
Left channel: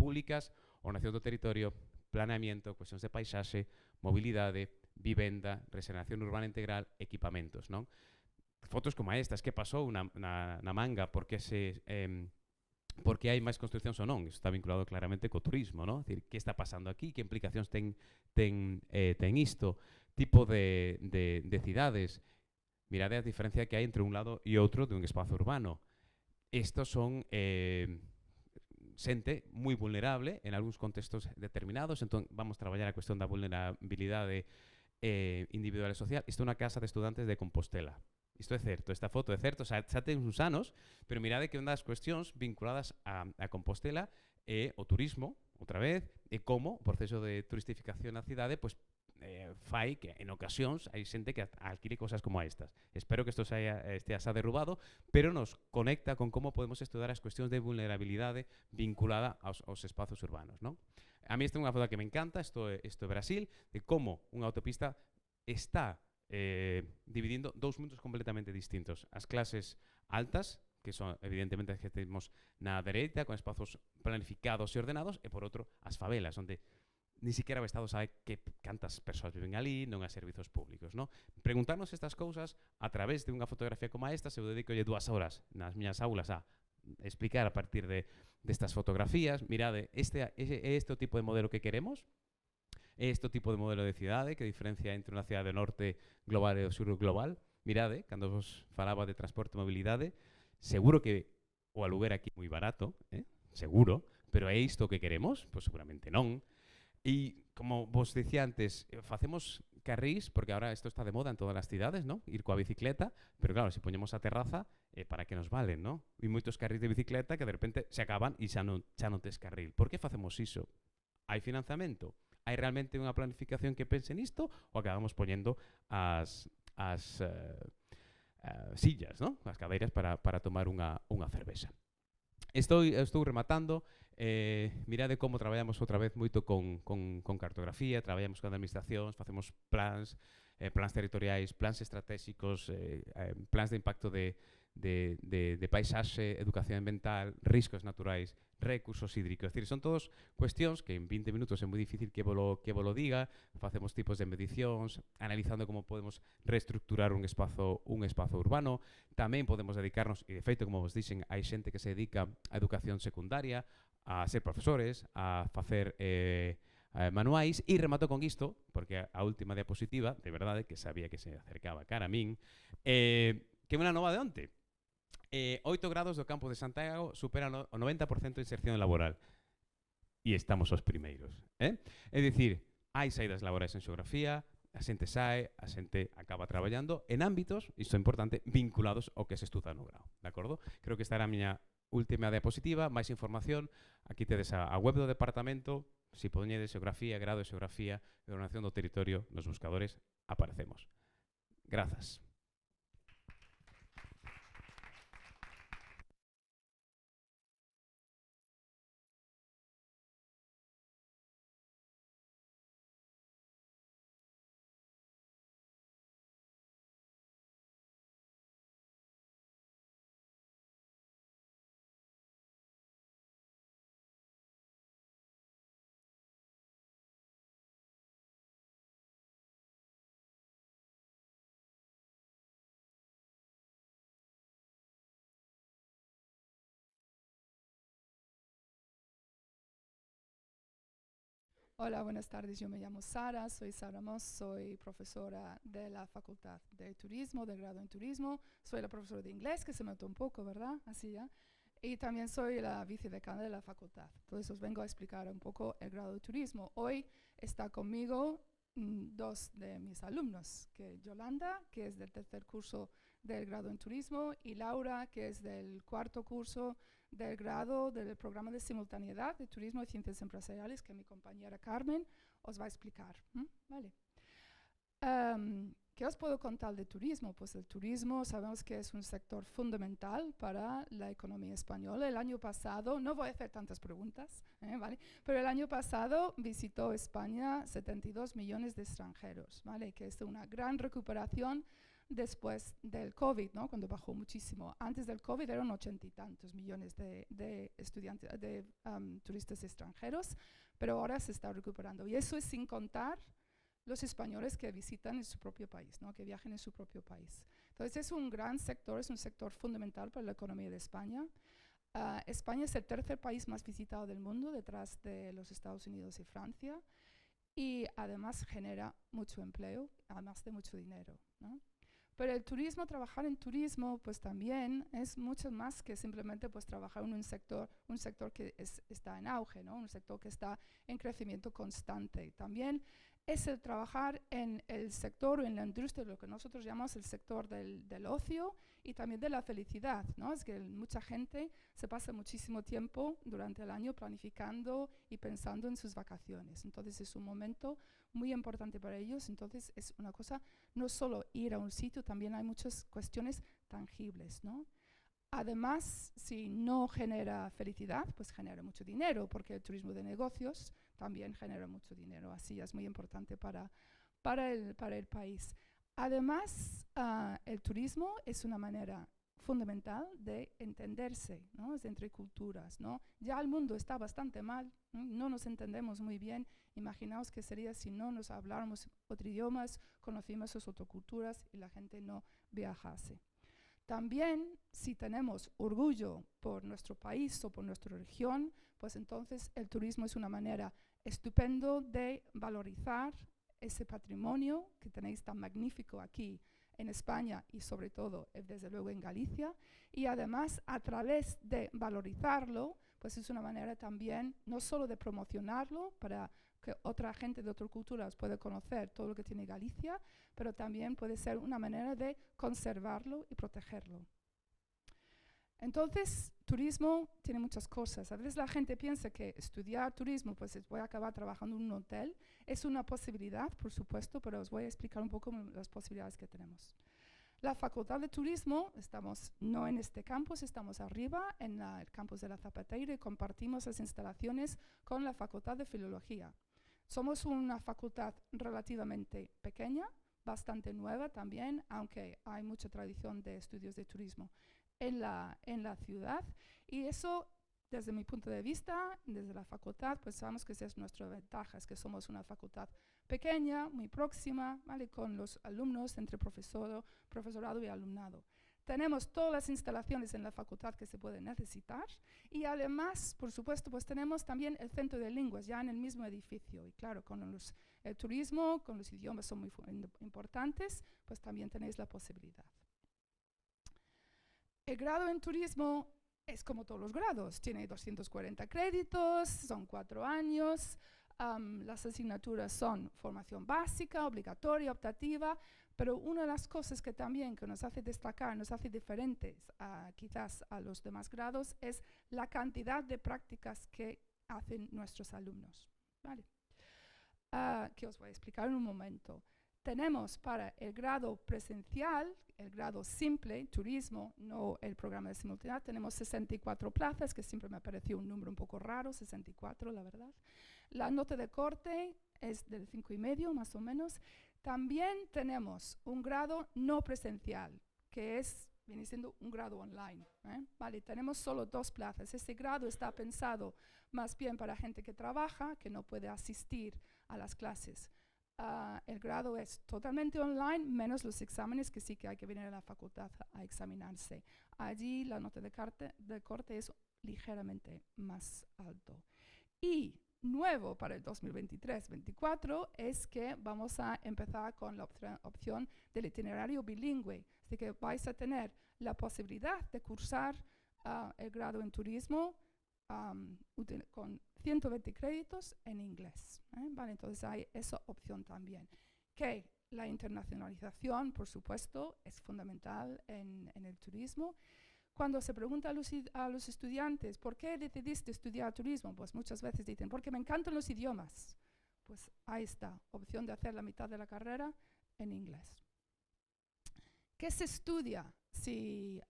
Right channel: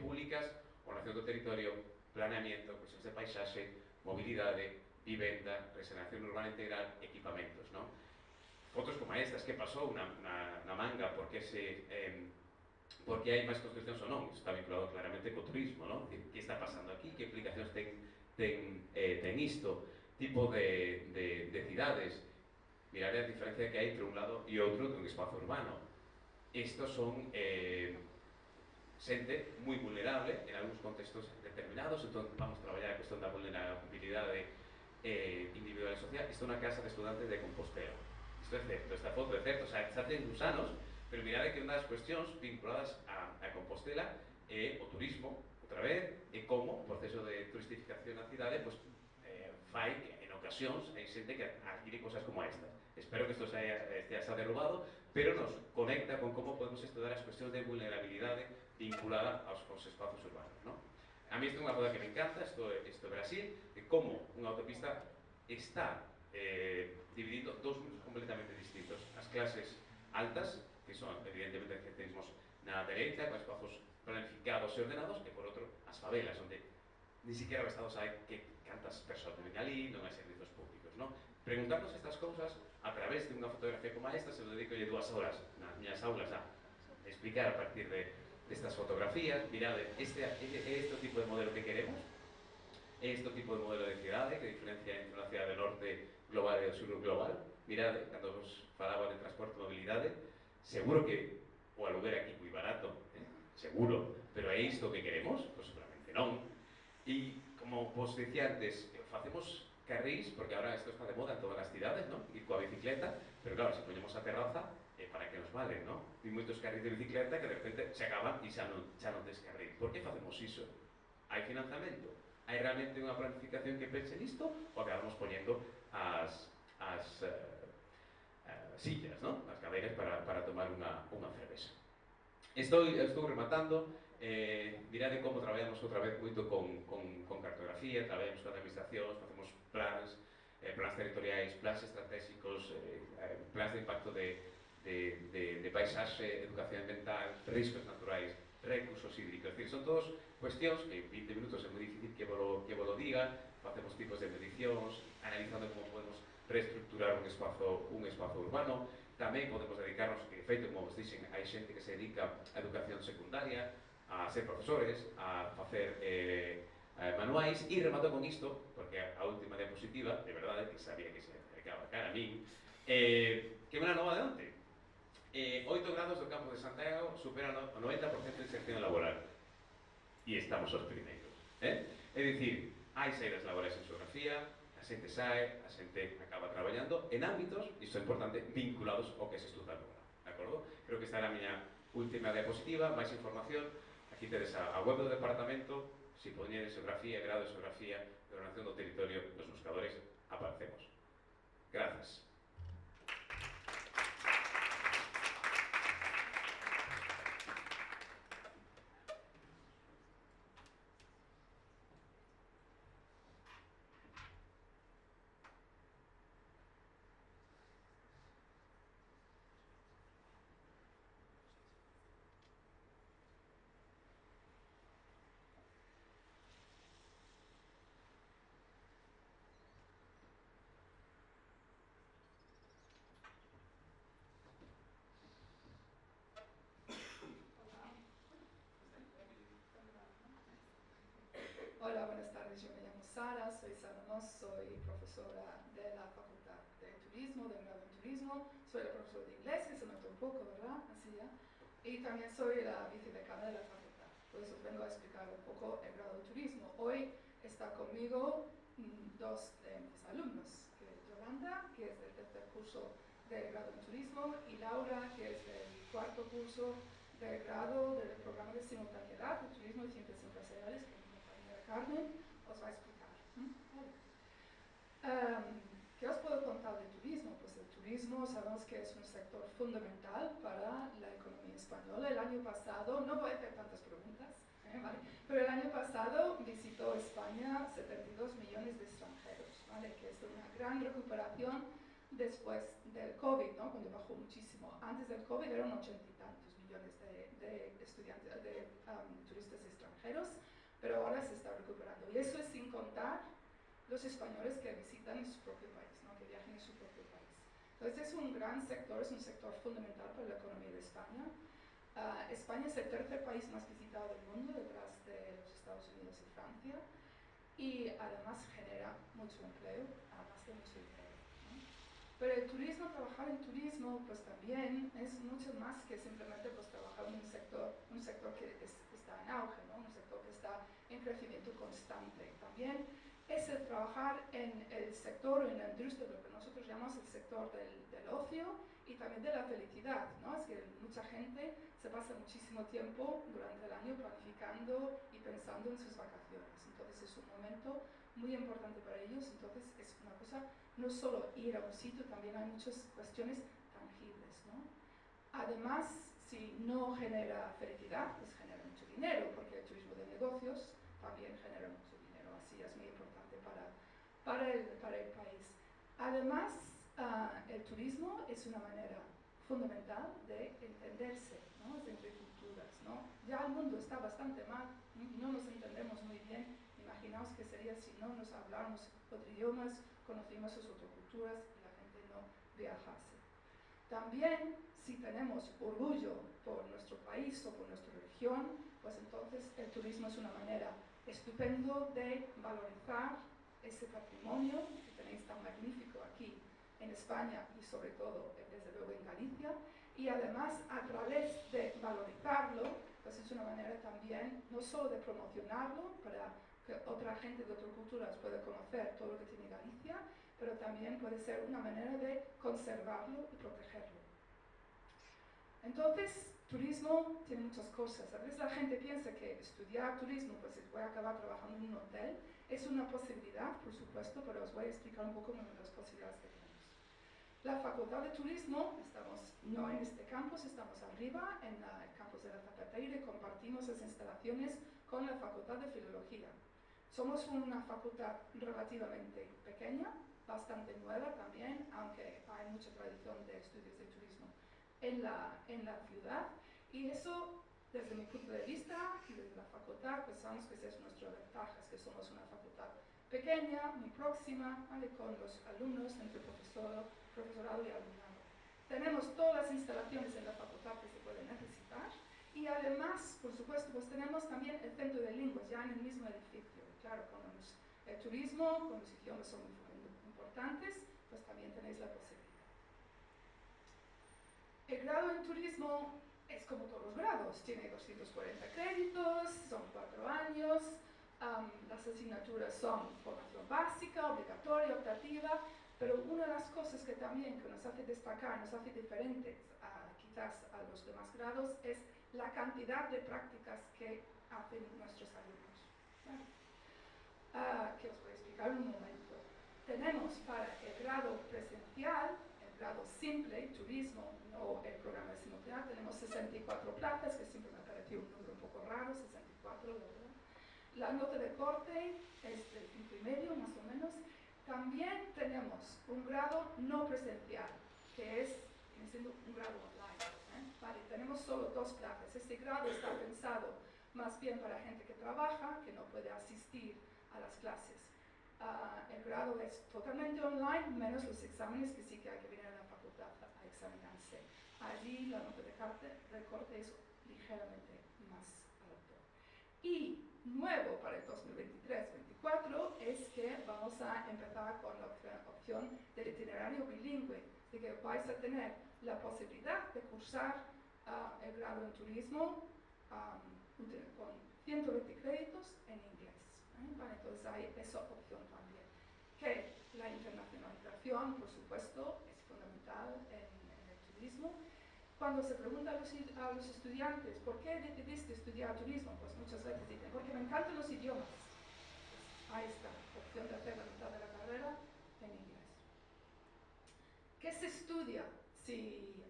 públicas, ordenación do territorio, planeamiento, cuestións de paisaxe, mobilidade, vivenda, regeneración urbana integral, equipamentos, non? Fotos como estas, que pasou na Manga, porque hai máis construccións ou non, isto está vinculado claramente co turismo, non? Que está pasando aquí, que implicacións ten isto, tipo de cidades. Mirade a diferencia que hai entre un lado e outro dun espazo urbano. Estos son xente moi vulnerable en algúns contextos determinados, entón vamos traballar a cuestión da vulnerabilidade individual e social. Isto é unha casa de estudantes de Compostela. Isto é certo, esta foto é certo, xa ten uns anos, pero mirade que unha das cuestións vinculadas a Compostela é o turismo, outra vez, e como o proceso de turistificación na cidade fai que en ocasións hai xente que adquire cosas como estas. Espero que isto estea xa derrubado, pero nos conecta con como podemos estudar as cuestións de vulnerabilidade vinculada aos espazos urbanos, non? A mí esta é unha foto que me encanta, isto é Brasil, de como unha autopista está dividindo dous mundos completamente distintos. As clases altas, que son evidentemente as que temos na dereita, con espazos planificados e ordenados, e por outro, as favelas, onde ni siquiera o Estado sabe que cantas persoas viven ali, non hai servizos públicos, non? Preguntarnos estas cousas a través de unha fotografía como esta, se eu dedico 2 horas nas miñas aulas a explicar a partir de estas fotografías, mirad, este tipo de modelo que queremos, este tipo de modelo de cidade que diferencia entre unha cidade norte global e o sur global. Mirade, cando vos falaba de transporte e mobilidade, seguro que o aluguer aquí é moi barato, seguro, pero é isto que queremos? Pois seguramente non. E como vos dicía antes, facemos carrís, porque ahora isto está de moda en todas as cidades, ¿no? Ir coa bicicleta, pero claro, se poñemos a terraza, para que nos valen, ¿no? E moitos carrís de bicicleta que de repente se acaban e xa non tes carril. Por que facemos iso? Hai financiamento? Hai realmente unha planificación que pense nisto ou acabamos poñendo as sillas, ¿no? As cadeiras para tomar unha cervexa. Estou rematando. Mirade como traballamos outra vez moito con cartografía, traballamos con administracións, facemos plans territoriais, plans estratégicos, plans de impacto de paisaxe, educación ambiental, riscos naturais, recursos hídricos. Es decir, son todos cuestións que en 20 minutos é moi difícil que volo diga. Facemos tipos de medicións, analizando como podemos reestructurar un espazo urbano. Tamén podemos dedicarnos, e de feito, como vos dixen, hai xente que se dedica a educación secundaria, a ser profesores, a facer manuais. E remato con isto, porque a última diapositiva, de verdade, que sabía que se acercaba cara a min, que é unha nova de onte. 8 grados do campo de Santiago superan o 90% de inserción laboral. E estamos os primeiros. É dicir, hai saídas laborais en xeografía, a xente sae, a xente acaba traballando en ámbitos, isto é importante, vinculados ao que se estuda no grado. De acordo? Creo que esta era a miña última diapositiva. Máis información, aquí tedes a web do departamento. Se poñedes xeografía, grado de xeografía e ordenación do territorio nos buscadores, aparecemos. Grazas. Hola, buenas tardes. Yo me llamo Sara, soy Sara Moss, soy profesora de la Facultad de Turismo, del grado en Turismo. Soy la profesora de inglés, que se nota un poco, ¿verdad? Así ya. Y también soy la vicedecana de la facultad. Entonces os vengo a explicar un poco el grado de Turismo. Hoy está conmigo dos de mis alumnos, que es Yolanda, que es del tercer curso del grado en Turismo, y Laura, que es del cuarto curso del grado del programa de simultaneidad de Turismo y Ciencias Empresariales, que Carmen os va a explicar. Vale. ¿Qué os puedo contar de turismo? Pues el turismo sabemos que es un sector fundamental para la economía española. El año pasado, no voy a hacer tantas preguntas, ¿vale? Pero el año pasado visitó España 72 millones de extranjeros, ¿vale? Que es una gran recuperación después del COVID, ¿no? Cuando bajó muchísimo. Antes del COVID eran 80 y tantos millones de estudiantes, de turistas extranjeros. Pero ahora se está recuperando. Y eso es sin contar los españoles que visitan en su propio país, ¿no? Que viajan en su propio país. Entonces es un gran sector, es un sector fundamental para la economía de España. España es el tercer país más visitado del mundo, detrás de los Estados Unidos y Francia. Y además genera mucho empleo, además de mucho dinero, ¿no? Pero el turismo, trabajar en turismo, pues también es mucho más que simplemente pues trabajar en un sector que está en auge, ¿no? Un sector que está en crecimiento constante. También es el trabajar en el sector o en la industria, lo que nosotros llamamos el sector del ocio y también de la felicidad, ¿no? Es que mucha gente se pasa muchísimo tiempo durante el año planificando y pensando en sus vacaciones. Entonces es un momento muy importante para ellos. Entonces es una cosa, no solo ir a un sitio, también hay muchas cuestiones tangibles, ¿no? Además, si no genera felicidad, pues genera mucho dinero, porque el turismo de negocios también genera mucho dinero, así es muy importante para el país. Además, el turismo es una manera fundamental de entenderse, ¿no? Es entre culturas, ¿no? Ya el mundo está bastante mal, no nos entendemos muy bien. Imaginaos qué sería si no nos habláramos otros idiomas, conociéramos otras culturas y la gente no viajase. También, si tenemos orgullo por nuestro país o por nuestra región, pues entonces el turismo es una manera estupenda de valorizar ese patrimonio que tenéis tan magnífico aquí en España y sobre todo, desde luego, en Galicia. Y además, a través de valorizarlo, pues es una manera también no solo de promocionarlo para que otra gente de otras culturas pueda conocer todo lo que tiene Galicia, pero también puede ser una manera de conservarlo y protegerlo. Entonces, turismo tiene muchas cosas. A veces la gente piensa que estudiar turismo, pues voy a acabar trabajando en un hotel. Es una posibilidad, por supuesto, pero os voy a explicar un poco las posibilidades que tenemos. La Facultad de Turismo, estamos no en este campus, estamos arriba, en el campus de la Zapateira, y compartimos las instalaciones con la Facultad de Filología. Somos una facultad relativamente pequeña, bastante nueva también, aunque hay mucha tradición de estudios de turismo en la ciudad, y eso, desde mi punto de vista y desde la facultad, pues sabemos que esa es nuestra ventaja, es que somos una facultad pequeña, muy próxima, ¿vale? Con los alumnos, entre profesorado y alumnado. Tenemos todas las instalaciones en la facultad que se pueden necesitar, y además, por supuesto, pues tenemos también el centro de lenguas ya en el mismo edificio. Y claro, con el turismo, con los idiomas son muy importantes, pues también tenéis la posibilidad. El grado en turismo es como todos los grados, tiene 240 créditos, son 4 años, las asignaturas son formación básica, obligatoria, optativa, pero una de las cosas que también que nos hace destacar, nos hace diferentes quizás a los demás grados, es la cantidad de prácticas que hacen nuestros alumnos, ¿vale? Que os voy a explicar en un momento. Tenemos para el grado presencial, el grado simple, turismo, no el programa de simultaneidad, tenemos 64 plazas, que siempre me pareció un número un poco raro, 64 la verdad. La nota de corte es del 5,5 más o menos. También tenemos un grado no presencial, que viene siendo un grado online, Vale, tenemos solo 2 plazas. Este grado está pensado más bien para gente que trabaja, que no puede asistir a las clases. El grado es totalmente online, menos los exámenes, que sí que hay que venir a la facultad a examinarse. Allí la nota de corte es ligeramente más alto. Y nuevo para el 2023-24 es que vamos a empezar con la opción del itinerario bilingüe. Así que vais a tener la posibilidad de cursar el grado en turismo con 120 créditos en inglés. Vale, entonces hay esa opción también. Que la internacionalización, por supuesto, es fundamental en el turismo. Cuando se pregunta a los estudiantes, ¿por qué decidiste estudiar turismo? Pues muchas veces dicen, porque me encantan los idiomas. Pues ahí está, opción de hacer la mitad de la carrera en inglés. ¿Qué se estudia si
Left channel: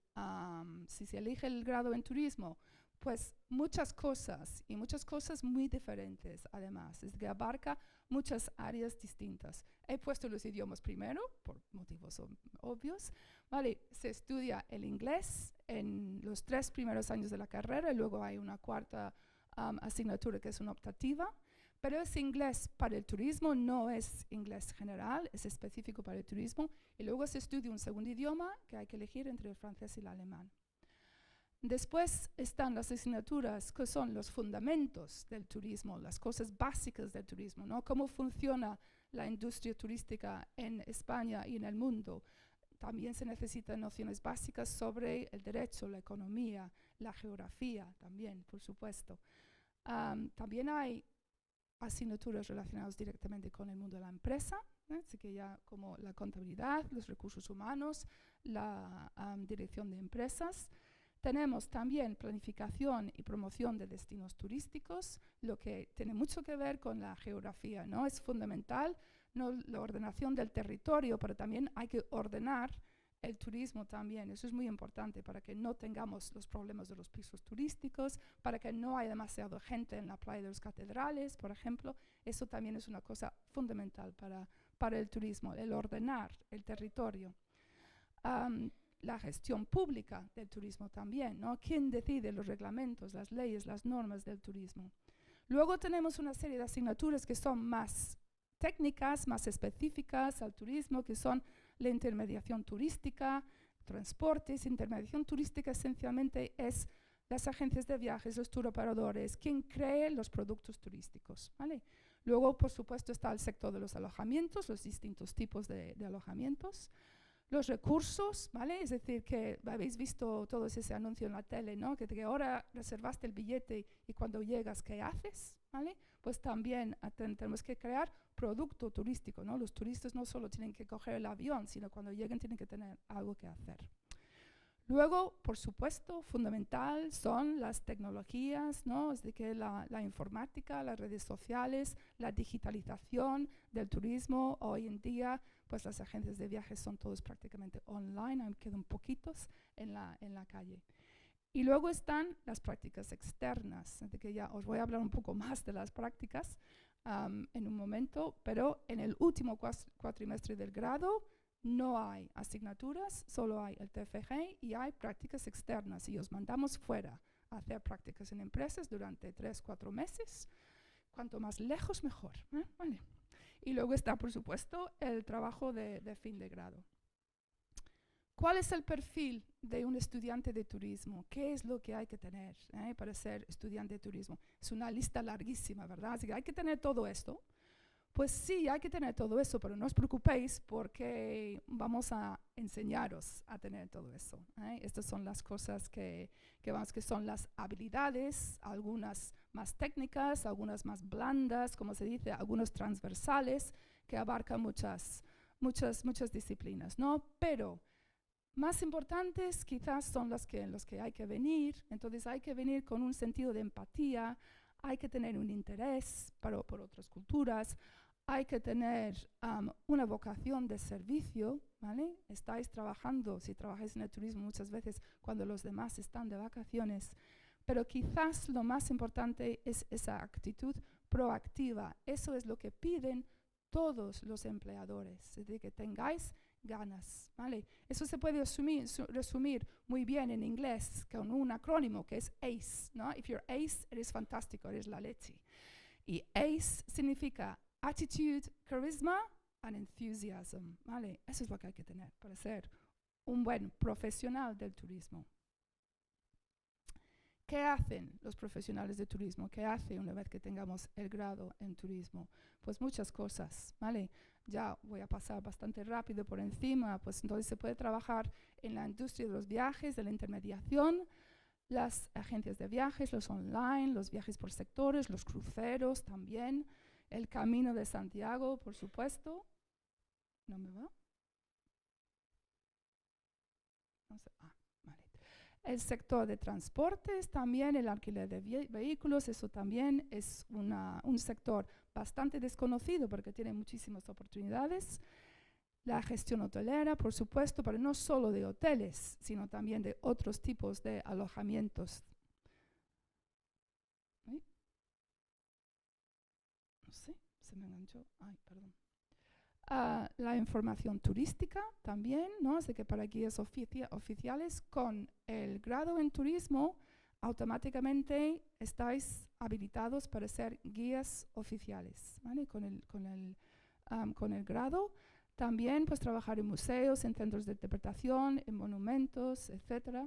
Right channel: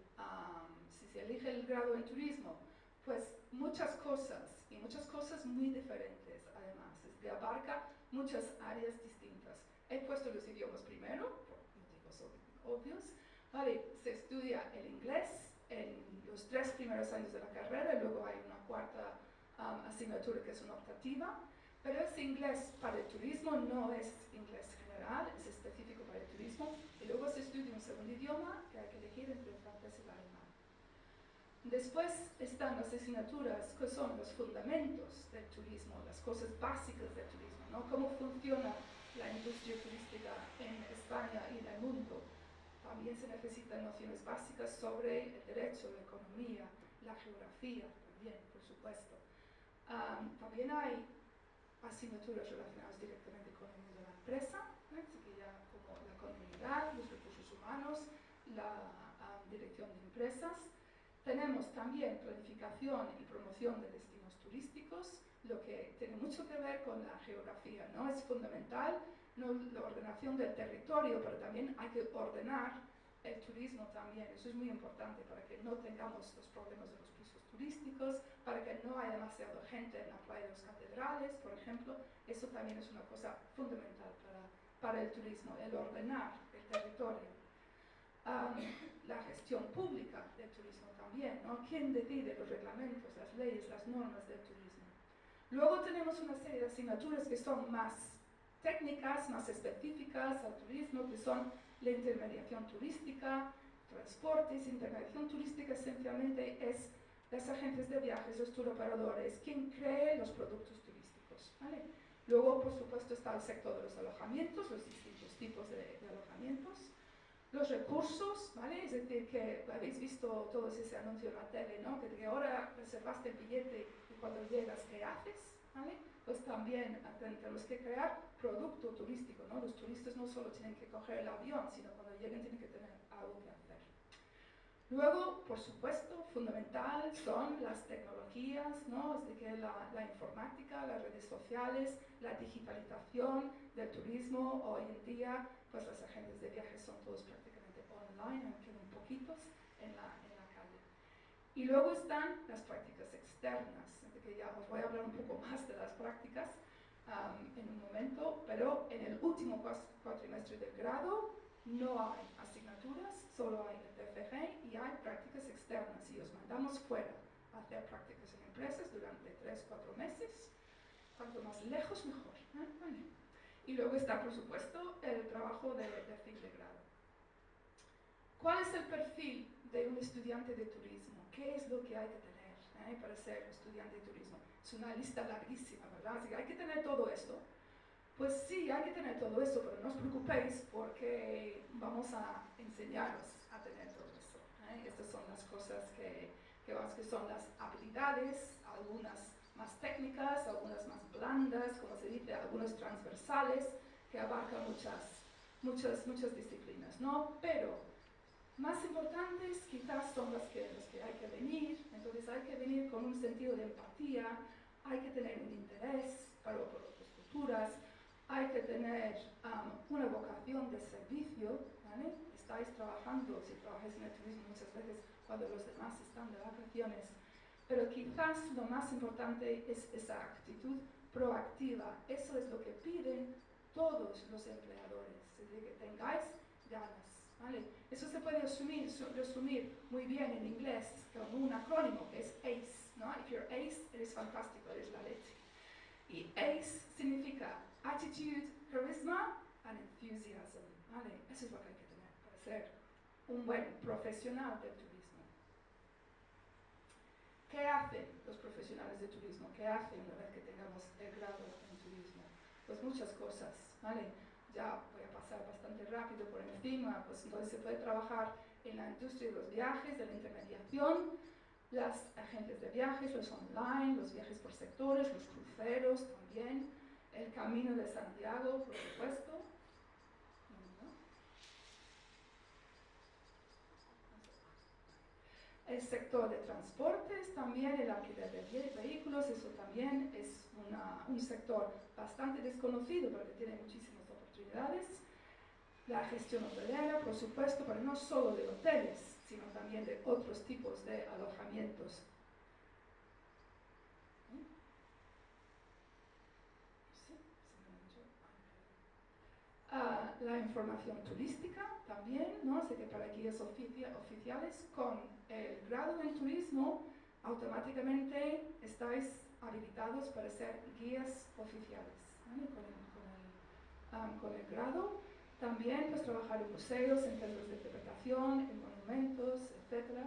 se elige el grado en turismo? Pues muchas cosas, y muchas cosas muy diferentes además, es que abarca muchas áreas distintas. He puesto los idiomas primero, por motivos obvios. Vale, se estudia el inglés en los 3 primeros años de la carrera, y luego hay una cuarta asignatura que es una optativa, pero es inglés para el turismo, no es inglés general, es específico para el turismo, y luego se estudia un segundo idioma que hay que elegir entre el francés y el alemán. Después están las asignaturas que son los fundamentos del turismo, las cosas básicas del turismo, ¿no? Cómo funciona la industria turística en España y en el mundo. También se necesitan nociones básicas sobre el derecho, la economía, la geografía también, por supuesto. También hay asignaturas relacionadas directamente con el mundo de la empresa, así que ya como la contabilidad, los recursos humanos, la dirección de empresas. Tenemos también planificación y promoción de destinos turísticos, lo que tiene mucho que ver con la geografía, ¿no? Es fundamental, no la ordenación del territorio, pero también hay que ordenar el turismo también. Eso es muy importante para que no tengamos los problemas de los pisos turísticos, para que no haya demasiada gente en la playa de los catedrales, por ejemplo. Eso también es una cosa fundamental para el turismo, el ordenar el territorio. La gestión pública del turismo también, ¿no? ¿Quién decide los reglamentos, las leyes, las normas del turismo? Luego tenemos una serie de asignaturas que son más técnicas, más específicas al turismo, que son la intermediación turística, transportes, intermediación turística esencialmente es las agencias de viajes, los turoperadores, quien cree los productos turísticos, ¿vale? Luego, por supuesto, está el sector de los alojamientos, los distintos tipos de alojamientos. Los recursos, ¿vale? Es decir, que habéis visto todos ese anuncio en la tele, ¿no? Que ahora reservaste el billete y cuando llegas, ¿qué haces? ¿Vale? Pues también tenemos que crear producto turístico, ¿no? Los turistas no solo tienen que coger el avión, sino cuando lleguen tienen que tener algo que hacer. Luego, por supuesto, fundamental son las tecnologías, ¿no? Es de que la informática, las redes sociales, la digitalización del turismo. Hoy en día, pues las agencias de viajes son todos prácticamente online, aunque quedan poquitos en la calle. Y luego están las prácticas externas, de que ya os voy a hablar un poco más de las prácticas en un momento, pero en el último cuatrimestre del grado no hay asignaturas, solo hay el TFG y hay prácticas externas y os mandamos fuera a hacer prácticas en empresas durante 3-4 meses. Cuanto más lejos, mejor. Vale. Y luego está, por supuesto, el trabajo de fin de grado. ¿Cuál es el perfil de un estudiante de turismo? ¿Qué es lo que hay que tener para ser estudiante de turismo? Es una lista larguísima, ¿verdad? Así que hay que tener todo esto. Pues sí, hay que tener todo eso, pero no os preocupéis porque vamos a enseñaros a tener todo eso. Estas son las cosas que son las habilidades, algunas más técnicas, algunas más blandas, como se dice, algunas transversales, que abarcan muchas disciplinas, ¿no? Pero más importantes quizás son los que hay que venir, entonces hay que venir con un sentido de empatía, hay que tener un interés por otras culturas, hay que tener una vocación de servicio, ¿vale? Estáis trabajando, si trabajáis en el turismo muchas veces cuando los demás están de vacaciones, pero quizás lo más importante es esa actitud proactiva. Eso es lo que piden todos los empleadores, es decir, que tengáis ganas, ¿vale? Eso se puede resumir muy bien en inglés con un acrónimo que es ACE, ¿no? If you're ACE, eres fantástico, eres la leche. Y ACE significa Attitude, Charisma and Enthusiasm, ¿vale? Eso es lo que hay que tener para ser un buen profesional del turismo. ¿Qué hacen los profesionales de turismo? ¿Qué hacen una vez que tengamos el grado en turismo? Pues muchas cosas, ¿vale? Ya voy a pasar bastante rápido por encima, pues entonces se puede trabajar en la industria de los viajes, de la intermediación, las agencias de viajes, los online, los viajes por sectores, los cruceros también, el Camino de Santiago, por supuesto. ¿No me va? El sector de transportes, también el alquiler de vehículos, eso también es un sector bastante desconocido porque tiene muchísimas oportunidades. La gestión hotelera, por supuesto, pero no solo de hoteles, sino también de otros tipos de alojamientos. No sé, se me enganchó. Ay, perdón. La información turística también, ¿no? Así que para guías oficiales con el grado en turismo automáticamente estáis habilitados para ser guías oficiales, ¿vale? Con el grado. También pues trabajar en museos, en centros de interpretación, en monumentos, etc.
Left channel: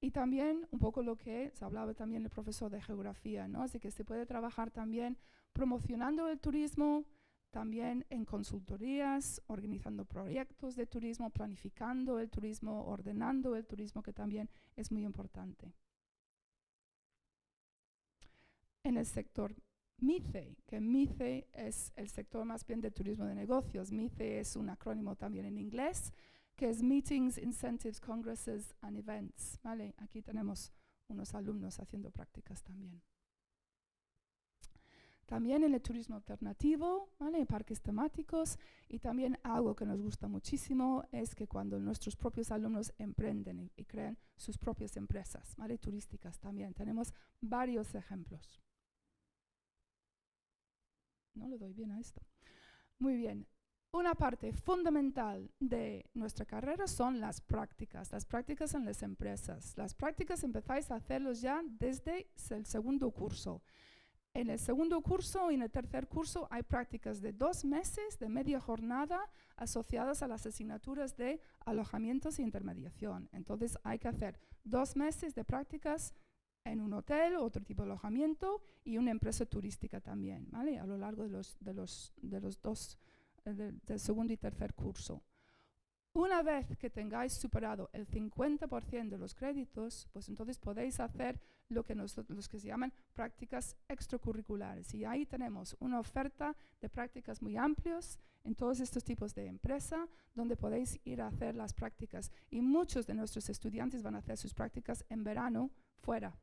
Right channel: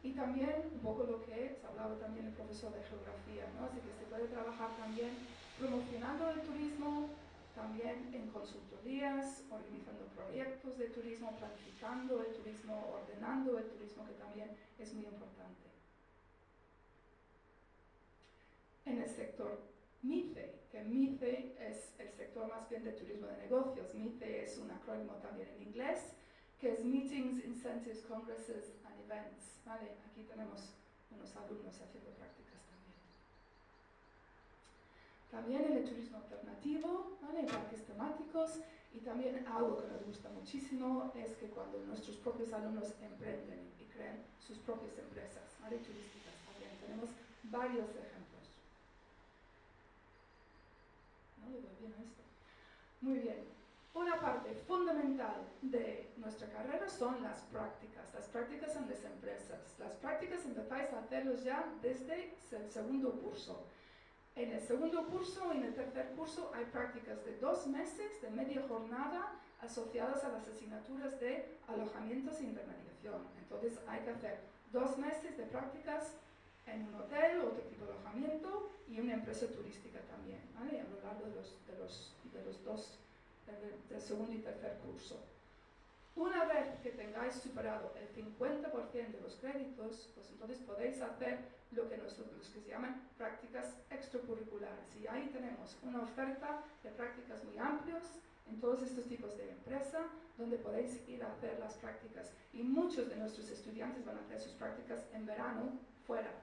Y también un poco lo que se hablaba también el profesor de geografía, ¿no? Así que se puede trabajar también promocionando el turismo, también en consultorías, organizando proyectos de turismo, planificando el turismo, ordenando el turismo, que también es muy importante. En el sector MICE, que MICE es el sector más bien de turismo de negocios. MICE es un acrónimo también en inglés, que es Meetings, Incentives, Congresses and Events, ¿vale? Aquí tenemos unos alumnos haciendo prácticas también. También en el turismo alternativo, ¿vale? Parques temáticos, y también algo que nos gusta muchísimo es que cuando nuestros propios alumnos emprenden y crean sus propias empresas, ¿vale? Turísticas también. Tenemos varios ejemplos. ¿No le doy bien a esto? Muy bien. Una parte fundamental de nuestra carrera son las prácticas en las empresas. Las prácticas empezáis a hacerlos ya desde el segundo curso. En el segundo curso y en el tercer curso hay prácticas de 2 meses, de media jornada, asociados a las asignaturas de alojamientos e intermediación. Entonces hay que hacer 2 meses de prácticas en un hotel o otro tipo de alojamiento y una empresa turística también, ¿vale? A lo largo de los dos, del segundo y tercer curso. Una vez que tengáis superado el 50% de los créditos, pues entonces podéis hacer lo que se llaman prácticas extracurriculares. Y ahí tenemos una oferta de prácticas muy amplias en todos estos tipos de empresa, donde podéis ir a hacer las prácticas. Y muchos de nuestros estudiantes van a hacer sus prácticas en verano fuera.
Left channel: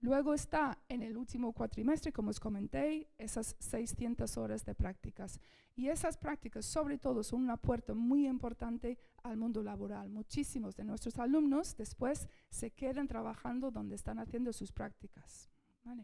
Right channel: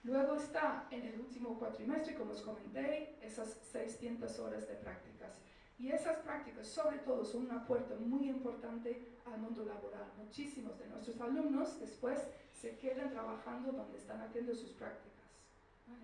Luego está en el último cuatrimestre, como os comenté, esas 600 horas de prácticas. Y esas prácticas, sobre todo, son una puerta muy importante al mundo laboral. Muchísimos de nuestros alumnos después se quedan trabajando donde están haciendo sus prácticas. ¿Vale?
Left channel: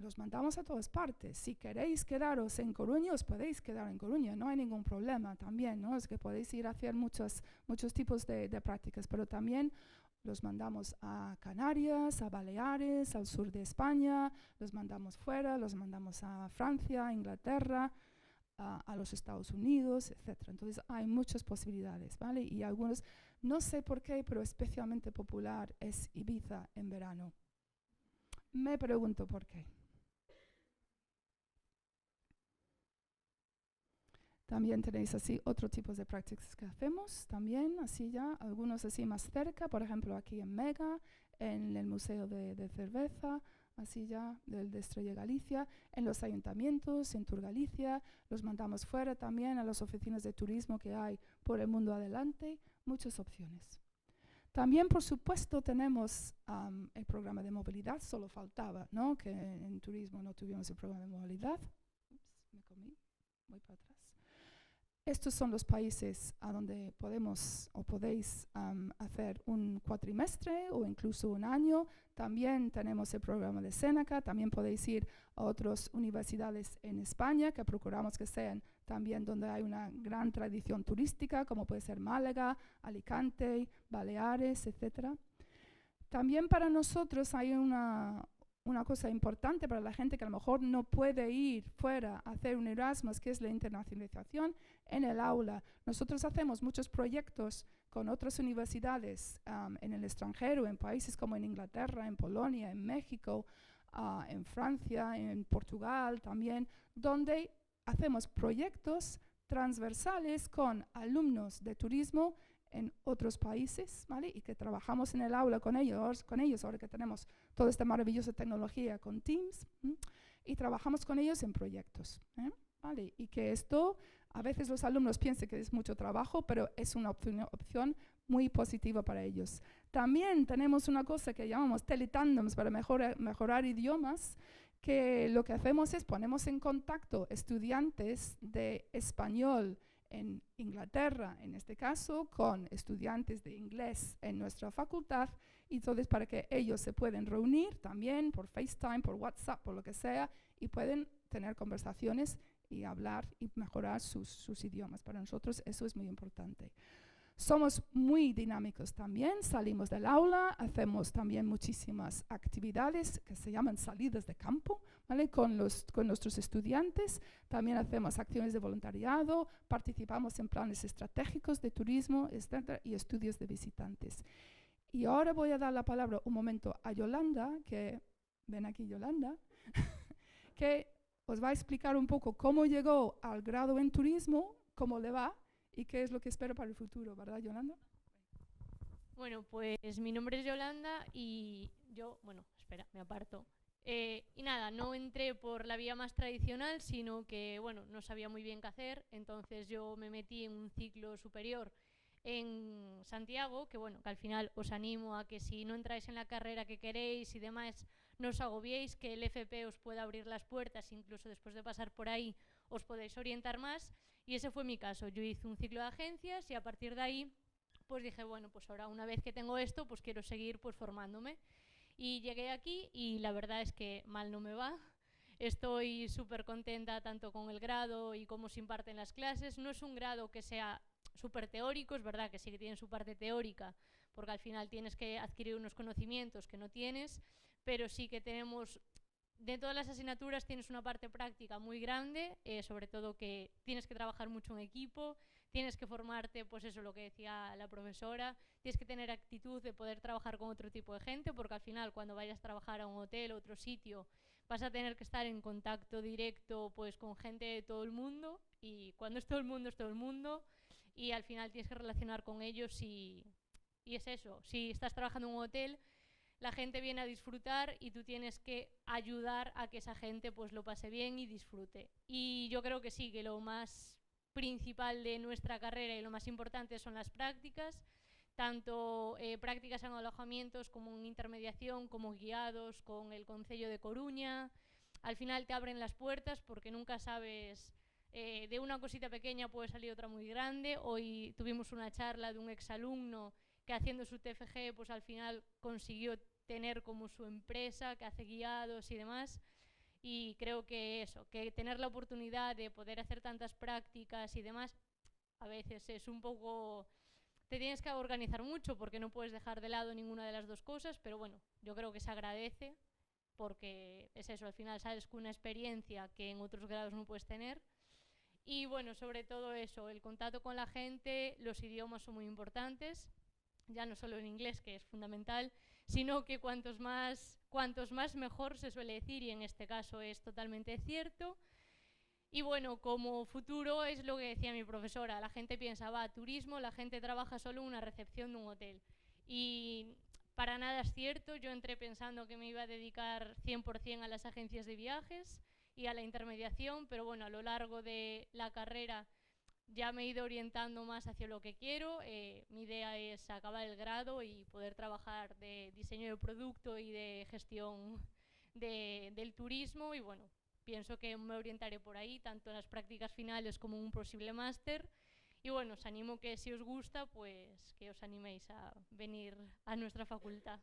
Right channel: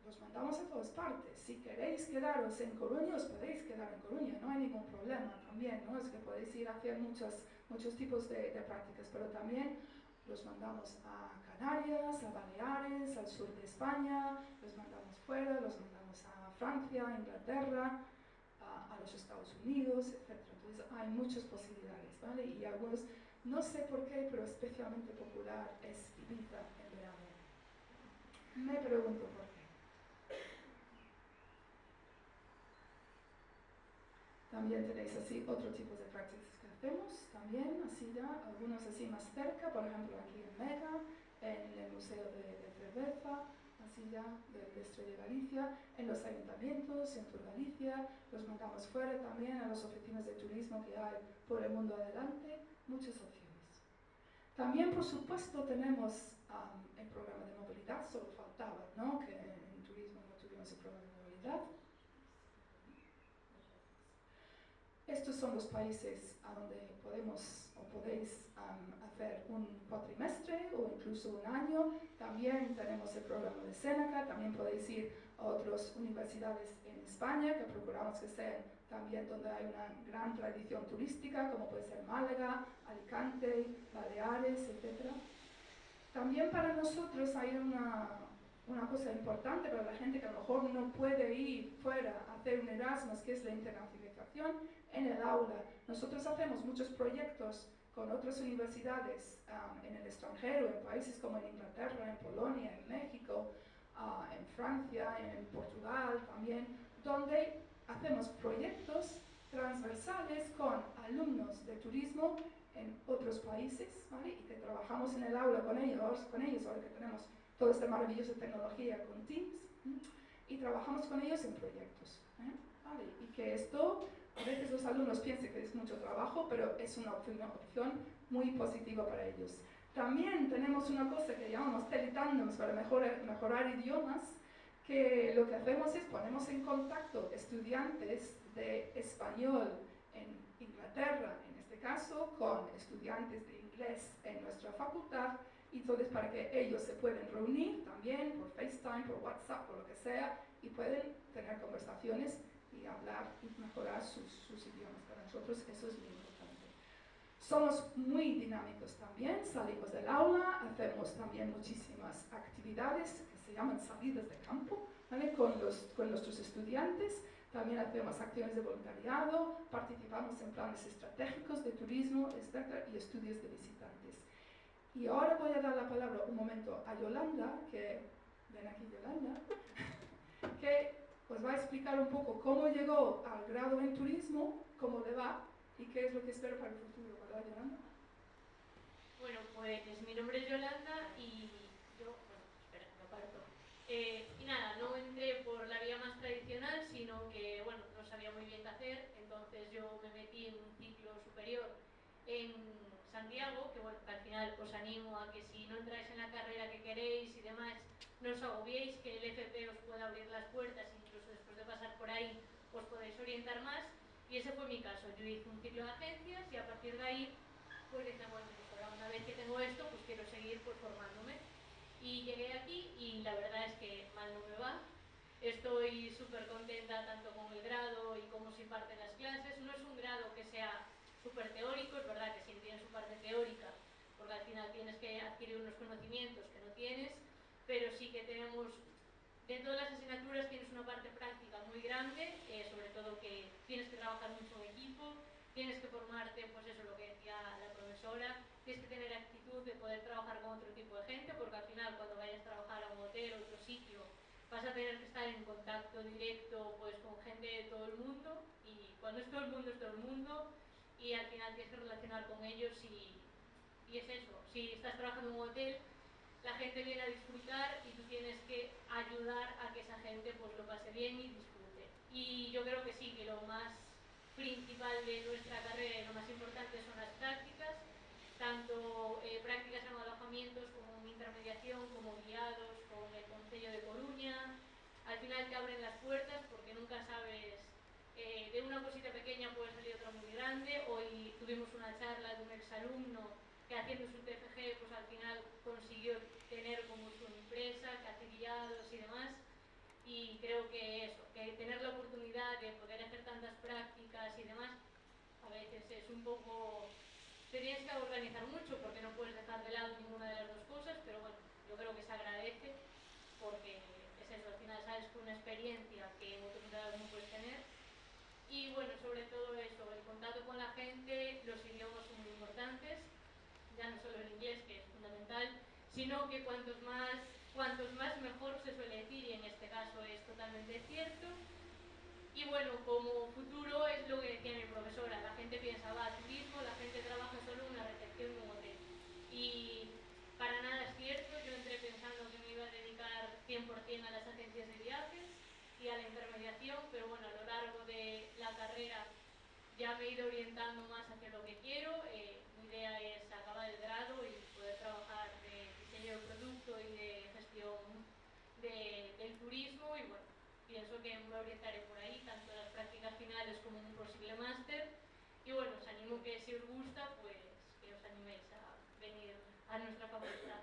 Los mandamos a todas partes. Si queréis quedaros en Coruña, os podéis quedar en Coruña, no hay ningún problema también, ¿no? Es que podéis ir a hacer muchos tipos de prácticas, pero también los mandamos a Canarias, a Baleares, al sur de España, los mandamos fuera, los mandamos a Francia, a Inglaterra, a los Estados Unidos, etc. Entonces hay muchas posibilidades, ¿vale? Y algunos, no sé por qué, pero especialmente popular es Ibiza en verano. Me pregunto por qué. También tenéis así otro tipo de prácticas que hacemos, también así ya, algunos así más cerca, por ejemplo aquí en Mega, en el Museo de Cerveza, así ya, de Estrella Galicia, en los ayuntamientos, en Tour Galicia, los mandamos fuera también a las oficinas de turismo que hay por el mundo adelante, muchas opciones. También, por supuesto, tenemos el programa de movilidad, solo faltaba, ¿no?, que en turismo no tuvimos el programa de movilidad. Estos son los países a donde podemos o podéis hacer un cuatrimestre o incluso un año. También tenemos el programa de Seneca, también podéis ir a otras universidades en España que procuramos que sean también donde hay una gran tradición turística, como puede ser Málaga, Alicante, Baleares, etc. También para nosotros hay una cosa importante para la gente que a lo mejor no puede ir fuera a hacer un Erasmus, que es la internacionalización en el aula. Nosotros hacemos muchos proyectos con otras universidades en el extranjero, en países como en Inglaterra, en Polonia, en México, en Francia, en Portugal también, donde hacemos proyectos transversales con alumnos de turismo en otros países, ¿vale? Y que trabajamos en el aula con ellos ahora que tenemos toda esta maravillosa tecnología con Teams, y trabajamos con ellos en proyectos, ¿vale? Y que esto, a veces los alumnos piensan que es mucho trabajo, pero es una opción muy positiva para ellos. También tenemos una cosa que llamamos teletandems para mejorar idiomas, que lo que hacemos es ponemos en contacto estudiantes de español en Inglaterra, en este caso, con estudiantes de inglés en nuestra facultad, y entonces para que ellos se pueden reunir también por FaceTime, por WhatsApp, por lo que sea, y pueden tener conversaciones y hablar y mejorar sus idiomas. Para nosotros eso es muy importante. Somos muy dinámicos también, salimos del aula, hacemos también muchísimas actividades que se llaman salidas de campo, ¿vale? con nuestros estudiantes. También hacemos acciones de voluntariado, participamos en planes estratégicos de turismo, etc., y estudios de visitantes. Y ahora voy a dar la palabra un momento a Yolanda, ven aquí Yolanda, que os va a explicar un poco cómo llegó al grado en turismo, cómo le va y qué es lo que espera para el futuro, ¿verdad, Yolanda? Bueno, pues mi nombre es Yolanda y yo, bueno, espera, me aparto. Y nada, no entré por la vía más tradicional, sino que, bueno, no sabía muy bien qué hacer, entonces yo me metí en un ciclo superior en Santiago, que bueno, que al final os animo a que si no entráis en la carrera que queréis y demás, no os agobiéis, que el FP os pueda abrir las puertas, incluso después de pasar por ahí os podéis orientar más, y ese fue mi caso. Yo hice un ciclo de agencias y a partir de ahí pues dije, bueno, pues ahora una vez que tengo esto, pues quiero seguir pues formándome. Y llegué aquí y la verdad es que mal no me va. Estoy súper contenta tanto con el grado y cómo se imparten las clases. No es un grado que sea súper teórico, es verdad que sí que tiene su parte teórica, porque al final tienes que adquirir unos conocimientos que no tienes, pero sí que tenemos de todas las asignaturas tienes una parte práctica muy grande, sobre todo que tienes que trabajar mucho en equipo, tienes que formarte, pues eso, lo que decía la profesora, tienes que tener actitud de poder trabajar con otro tipo de gente, porque al final cuando vayas a trabajar a un hotel o otro sitio, vas a tener que estar en contacto directo pues con gente de todo el mundo, y cuando es todo el mundo, es todo el mundo, y al final tienes que relacionar con ellos y es eso, si estás trabajando en un hotel, la gente viene a disfrutar y tú tienes que ayudar a que esa gente pues lo pase bien y disfrute. Y yo creo que sí, que lo más principal de nuestra carrera y lo más importante son las prácticas, tanto prácticas en alojamientos como en intermediación, como en guiados, con el Concello de Coruña. Al final te abren las puertas porque nunca sabes, de una cosita pequeña puede salir otra muy grande. Hoy tuvimos una charla de un exalumno que haciendo su TFG pues al final consiguió tener como su empresa, que hace guiados y demás. Y creo que eso, que tener la oportunidad de poder hacer tantas prácticas y demás, a veces es un poco... Te tienes que organizar mucho porque no puedes dejar de lado ninguna de las dos cosas, pero bueno, yo creo que se agradece porque es eso, al final sabes que una experiencia que en otros grados no puedes tener. Y bueno, sobre todo eso, el contacto con la gente, los idiomas son muy importantes, ya no solo el inglés, que es fundamental, sino que cuantos más mejor, se suele decir, y en este caso es totalmente cierto. Y bueno, como futuro es lo que decía mi profesora, la gente piensa, va, turismo, la gente trabaja solo en una recepción de un hotel. Y para nada es cierto, yo entré pensando que me iba a dedicar 100% a las agencias de viajes y a la intermediación, pero bueno, a lo largo de la carrera ya me he ido orientando más hacia lo que quiero. Mi idea es acabar el grado y poder trabajar de diseño de producto y de gestión del turismo, y bueno, pienso que me orientaré por ahí, tanto en las prácticas finales como en un posible máster. Y bueno, os animo que si os gusta, pues que os animéis a venir a nuestra facultad.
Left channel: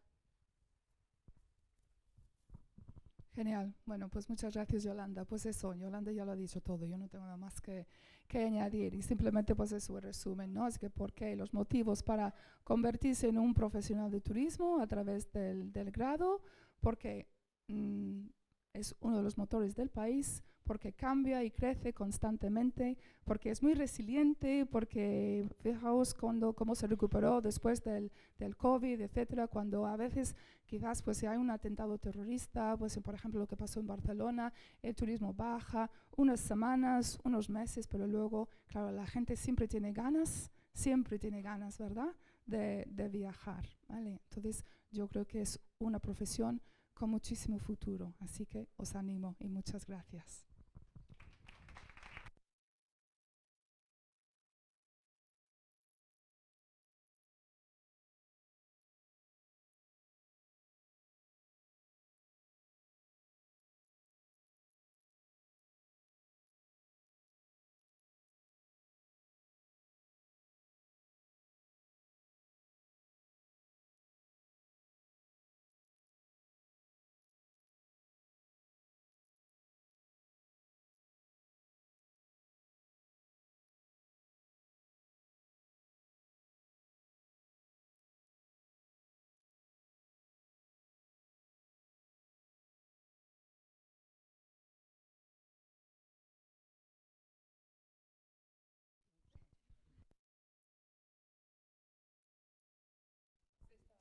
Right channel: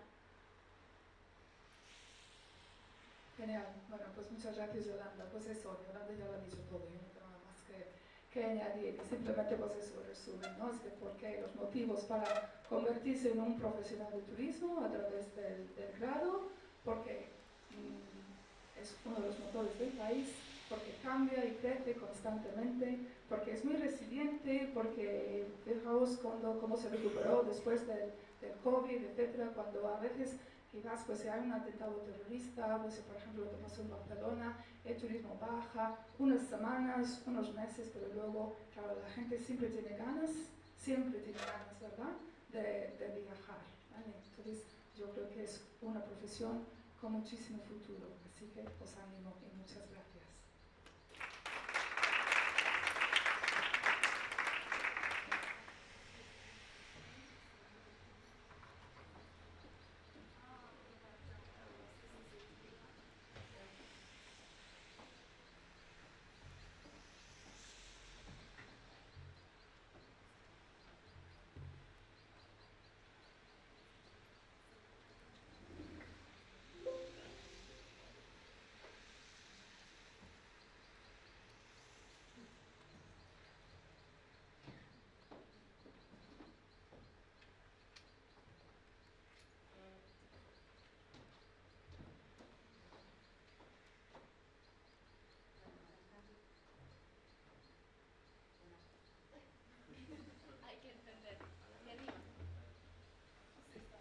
Genial. Bueno, pues muchas gracias, Yolanda. Pues eso, Yolanda ya lo ha dicho todo, yo no tengo nada más que añadir. Y simplemente pues eso, resumen, ¿no? Es que porque los motivos para convertirse en un profesional de turismo a través del grado, porque es uno de los motores del país, porque cambia y crece constantemente, porque es muy resiliente, porque fijaos cómo se recuperó después del COVID, etcétera, cuando a veces quizás pues si hay un atentado terrorista, pues si por ejemplo lo que pasó en Barcelona, el turismo baja unas semanas, unos meses, pero luego, claro, la gente siempre tiene ganas, ¿verdad?, de viajar, ¿vale? Entonces yo creo que es una profesión con muchísimo futuro, así que os animo y muchas gracias.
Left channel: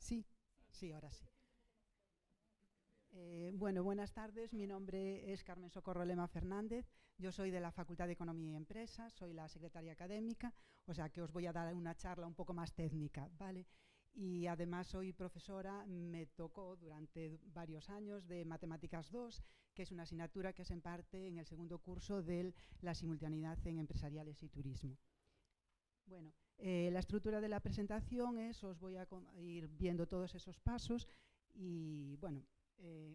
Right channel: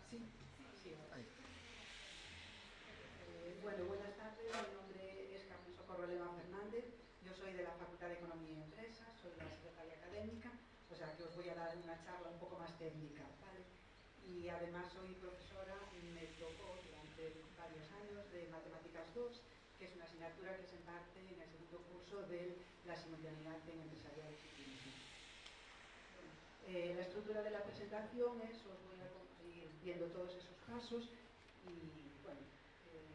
Sí, sí, ahora sí. Bueno, buenas tardes. Mi nombre es Carmen Socorro Lema Fernández. Yo soy de la Facultad de Economía y Empresas, soy la secretaria académica, o sea que os voy a dar una charla un poco más técnica, ¿vale? Y además soy profesora, me tocó durante varios años de Matemáticas 2, que es una asignatura que se imparte en el segundo curso de la simultaneidad en empresariales y turismo. Bueno, la estructura de la presentación es, os voy a ir viendo todos esos pasos y, bueno,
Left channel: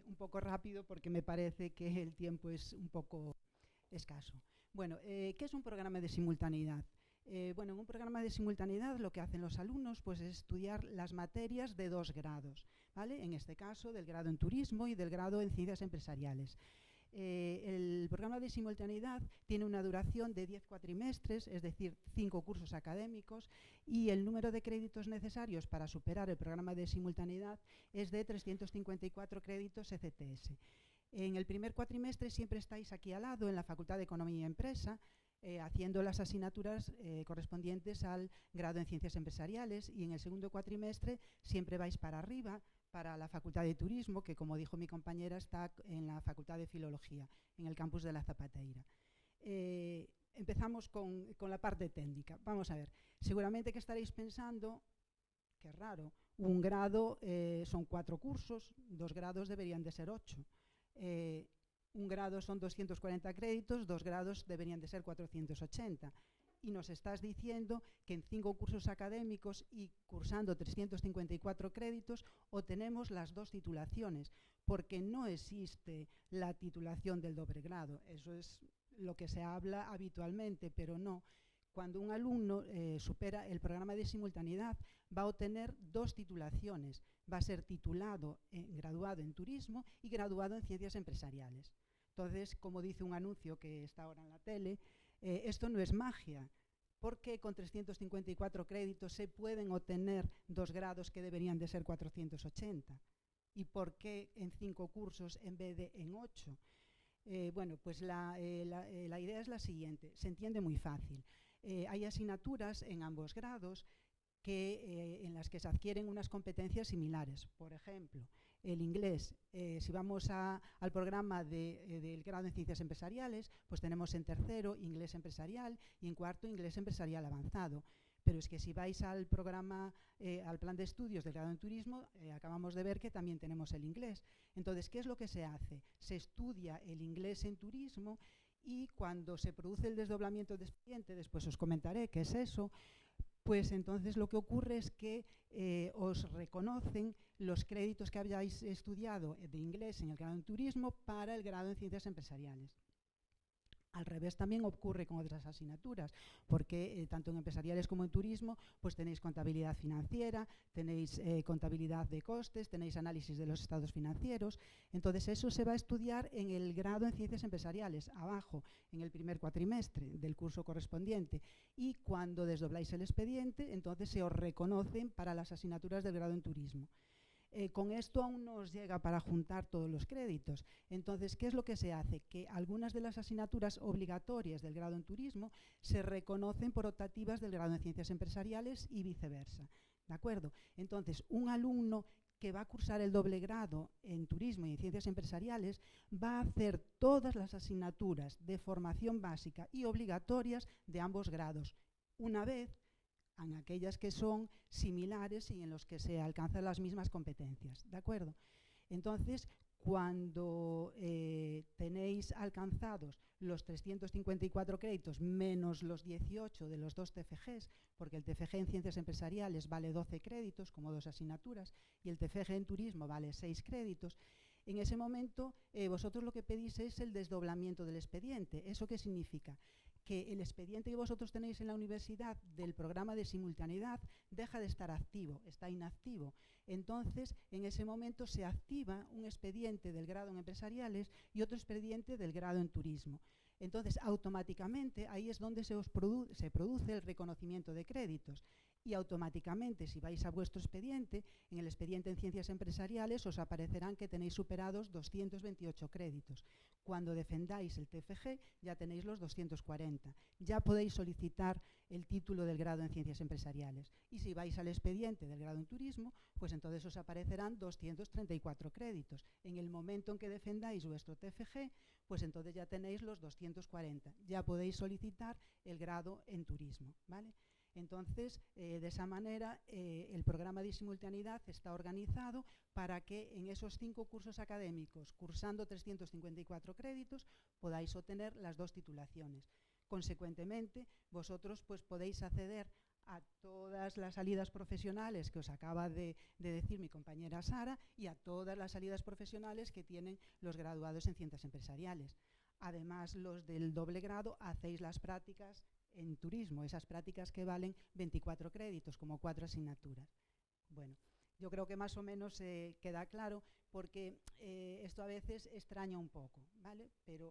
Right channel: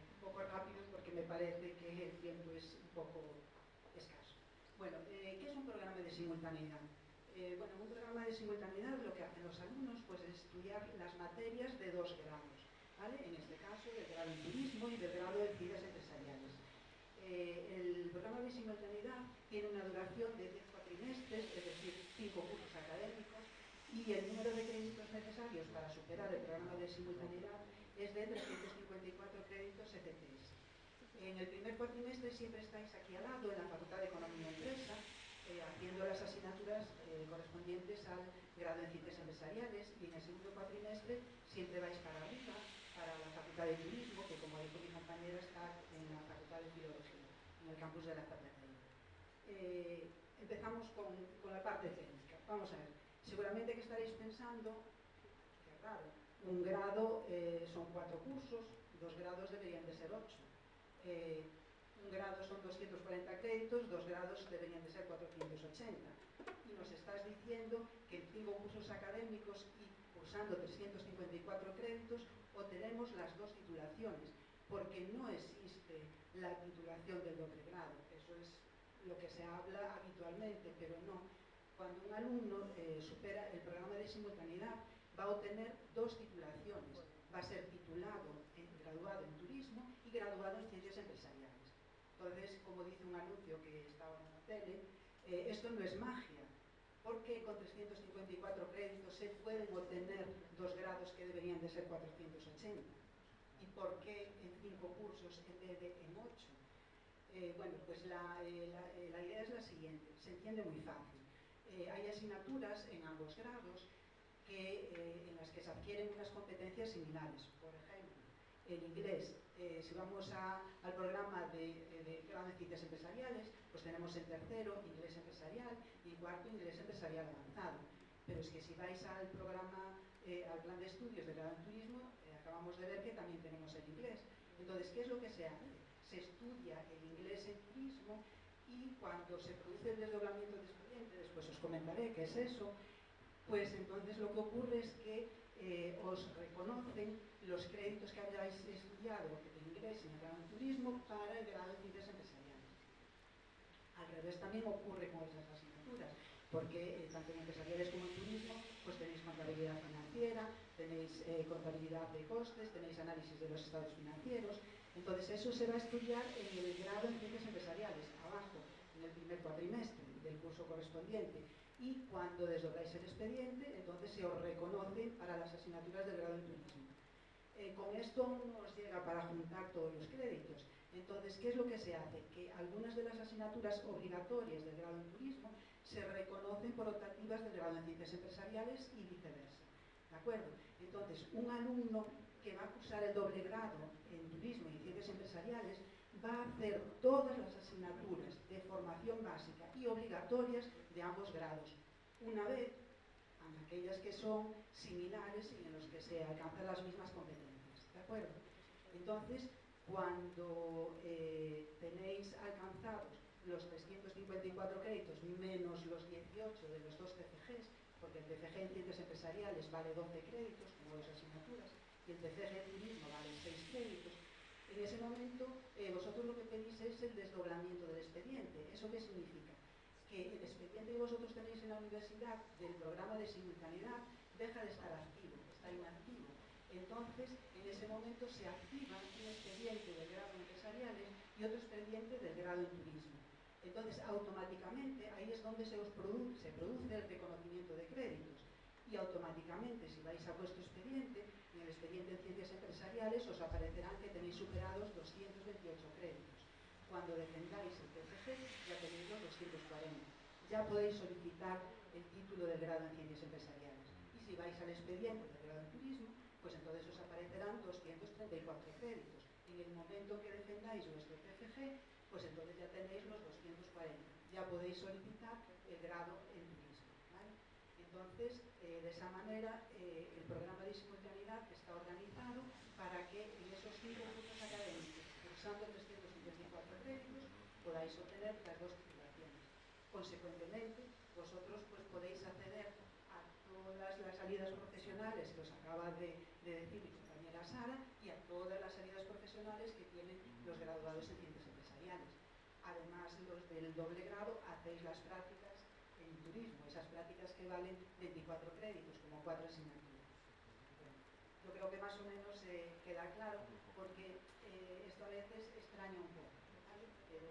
un poco rápido porque me parece que el tiempo es un poco escaso. Bueno, ¿qué es un programa de simultaneidad? Bueno, en un programa de simultaneidad lo que hacen los alumnos pues, es estudiar las materias de 2 grados, ¿vale? En este caso, del grado en turismo y del grado en ciencias empresariales. El programa de simultaneidad tiene una duración de 10 cuatrimestres, es decir, 5 cursos académicos, y el número de créditos necesarios para superar el programa de simultaneidad es de 354 créditos ECTS. En el primer cuatrimestre siempre estáis aquí al lado, en la Facultad de Economía y Empresa, haciendo las asignaturas correspondientes al grado en Ciencias Empresariales, y en el segundo cuatrimestre siempre vais para arriba, para la Facultad de Turismo, que como dijo mi compañera está en la Facultad de Filología, en el campus de la Zapateira. Empezamos con la parte técnica. Vamos a ver, seguramente que estaréis pensando, qué raro, un grado son 4 cursos, 2 grados deberían de ser 8. Un grado son 240 créditos, 2 grados deberían de ser 480. Y nos estás diciendo que en 5 cursos académicos y cursando 354 créditos obtenemos las 2 titulaciones, porque no existe la titulación del doble grado. Eso es lo que se habla habitualmente, pero no. Cuando un alumno supera el programa de simultaneidad, va a obtener 2 titulaciones. Va a ser titulado, graduado en turismo y graduado en ciencias empresariales. Entonces, como dice un anuncio que está ahora en la tele, esto no es magia, porque con 354 créditos se pueden obtener 2 grados que deberían de ser 480. ¿Y por qué en 5 cursos en vez de en 8? Bueno, pues la idea es la siguiente, se entiende muy fácil. Hay asignaturas en ambos grados en las que se adquieren unas competencias similares. Por ejemplo, el inglés, si vamos al programa del grado en Ciencias Empresariales, pues tenemos en tercero inglés empresarial y en cuarto inglés empresarial avanzado. Pero es que si vais al programa, al plan de estudios del grado en turismo, acabamos de ver que también tenemos el inglés. Entonces, ¿qué es lo que se hace? Se estudia el inglés en turismo y cuando se produce el desdoblamiento de expediente, después os comentaré qué es eso, pues entonces lo que ocurre es que os reconocen los créditos que habíais estudiado de inglés en el grado en turismo para el grado en ciencias empresariales. Al revés también ocurre con otras asignaturas, porque tanto en empresariales como en turismo pues tenéis contabilidad financiera, tenéis contabilidad de costes, tenéis análisis de los estados financieros. Entonces eso se va a estudiar en el grado en ciencias empresariales, abajo, en el primer cuatrimestre del curso correspondiente. Y cuando desdobláis el expediente, entonces se os reconocen para las asignaturas del grado en turismo. Con esto aún no os llega para juntar todos los créditos. Entonces, ¿qué es lo que se hace? Que algunas de las asignaturas obligatorias del grado en turismo se reconocen por optativas del grado en ciencias empresariales y viceversa. ¿De acuerdo? Entonces, un alumno que va a cursar el doble grado en turismo y en ciencias empresariales va a hacer todas las asignaturas de formación básica y obligatorias de ambos grados, una vez en aquellas que son similares y en los que se alcanzan las mismas competencias, ¿de acuerdo? Entonces, cuando tenéis alcanzados los 354 créditos menos los 18 de los 2 TFGs, porque el TFG en ciencias empresariales vale 12 créditos, como 2 asignaturas, y el TFG en turismo vale 6 créditos, en ese momento vosotros lo que pedís es el desdoblamiento del expediente. ¿Eso qué significa? Que el expediente que vosotros tenéis en la universidad del programa de simultaneidad deja de estar activo, está inactivo. Entonces, en ese momento se activa un expediente del grado en empresariales y otro expediente del grado en turismo. Entonces, automáticamente, ahí es donde se produce el reconocimiento de créditos. Y automáticamente, si vais a vuestro expediente, en el expediente en ciencias empresariales os aparecerán que tenéis superados 228 créditos. Cuando defendáis el TFG ya tenéis los 240. Ya podéis solicitar el título del grado en ciencias empresariales. Y si vais al expediente del grado en turismo, pues entonces os aparecerán 234 créditos. En el momento en que defendáis vuestro TFG, pues entonces ya tenéis los 240. Ya podéis solicitar el grado en turismo, ¿vale? Entonces, de esa manera, el programa de simultaneidad está organizado para que en esos 5 cursos académicos, cursando 354 créditos, podáis obtener las 2 titulaciones. Consecuentemente, vosotros pues, podéis acceder a todas las salidas profesionales que os acaba de decir mi compañera Sara y a todas las salidas profesionales que tienen los graduados en ciencias empresariales. Además, los del doble grado hacéis las prácticas en turismo, esas prácticas que valen 24 créditos, como 4 asignaturas. Bueno, yo creo que más o menos queda claro, porque esto a veces extraña un poco, ¿vale? Pero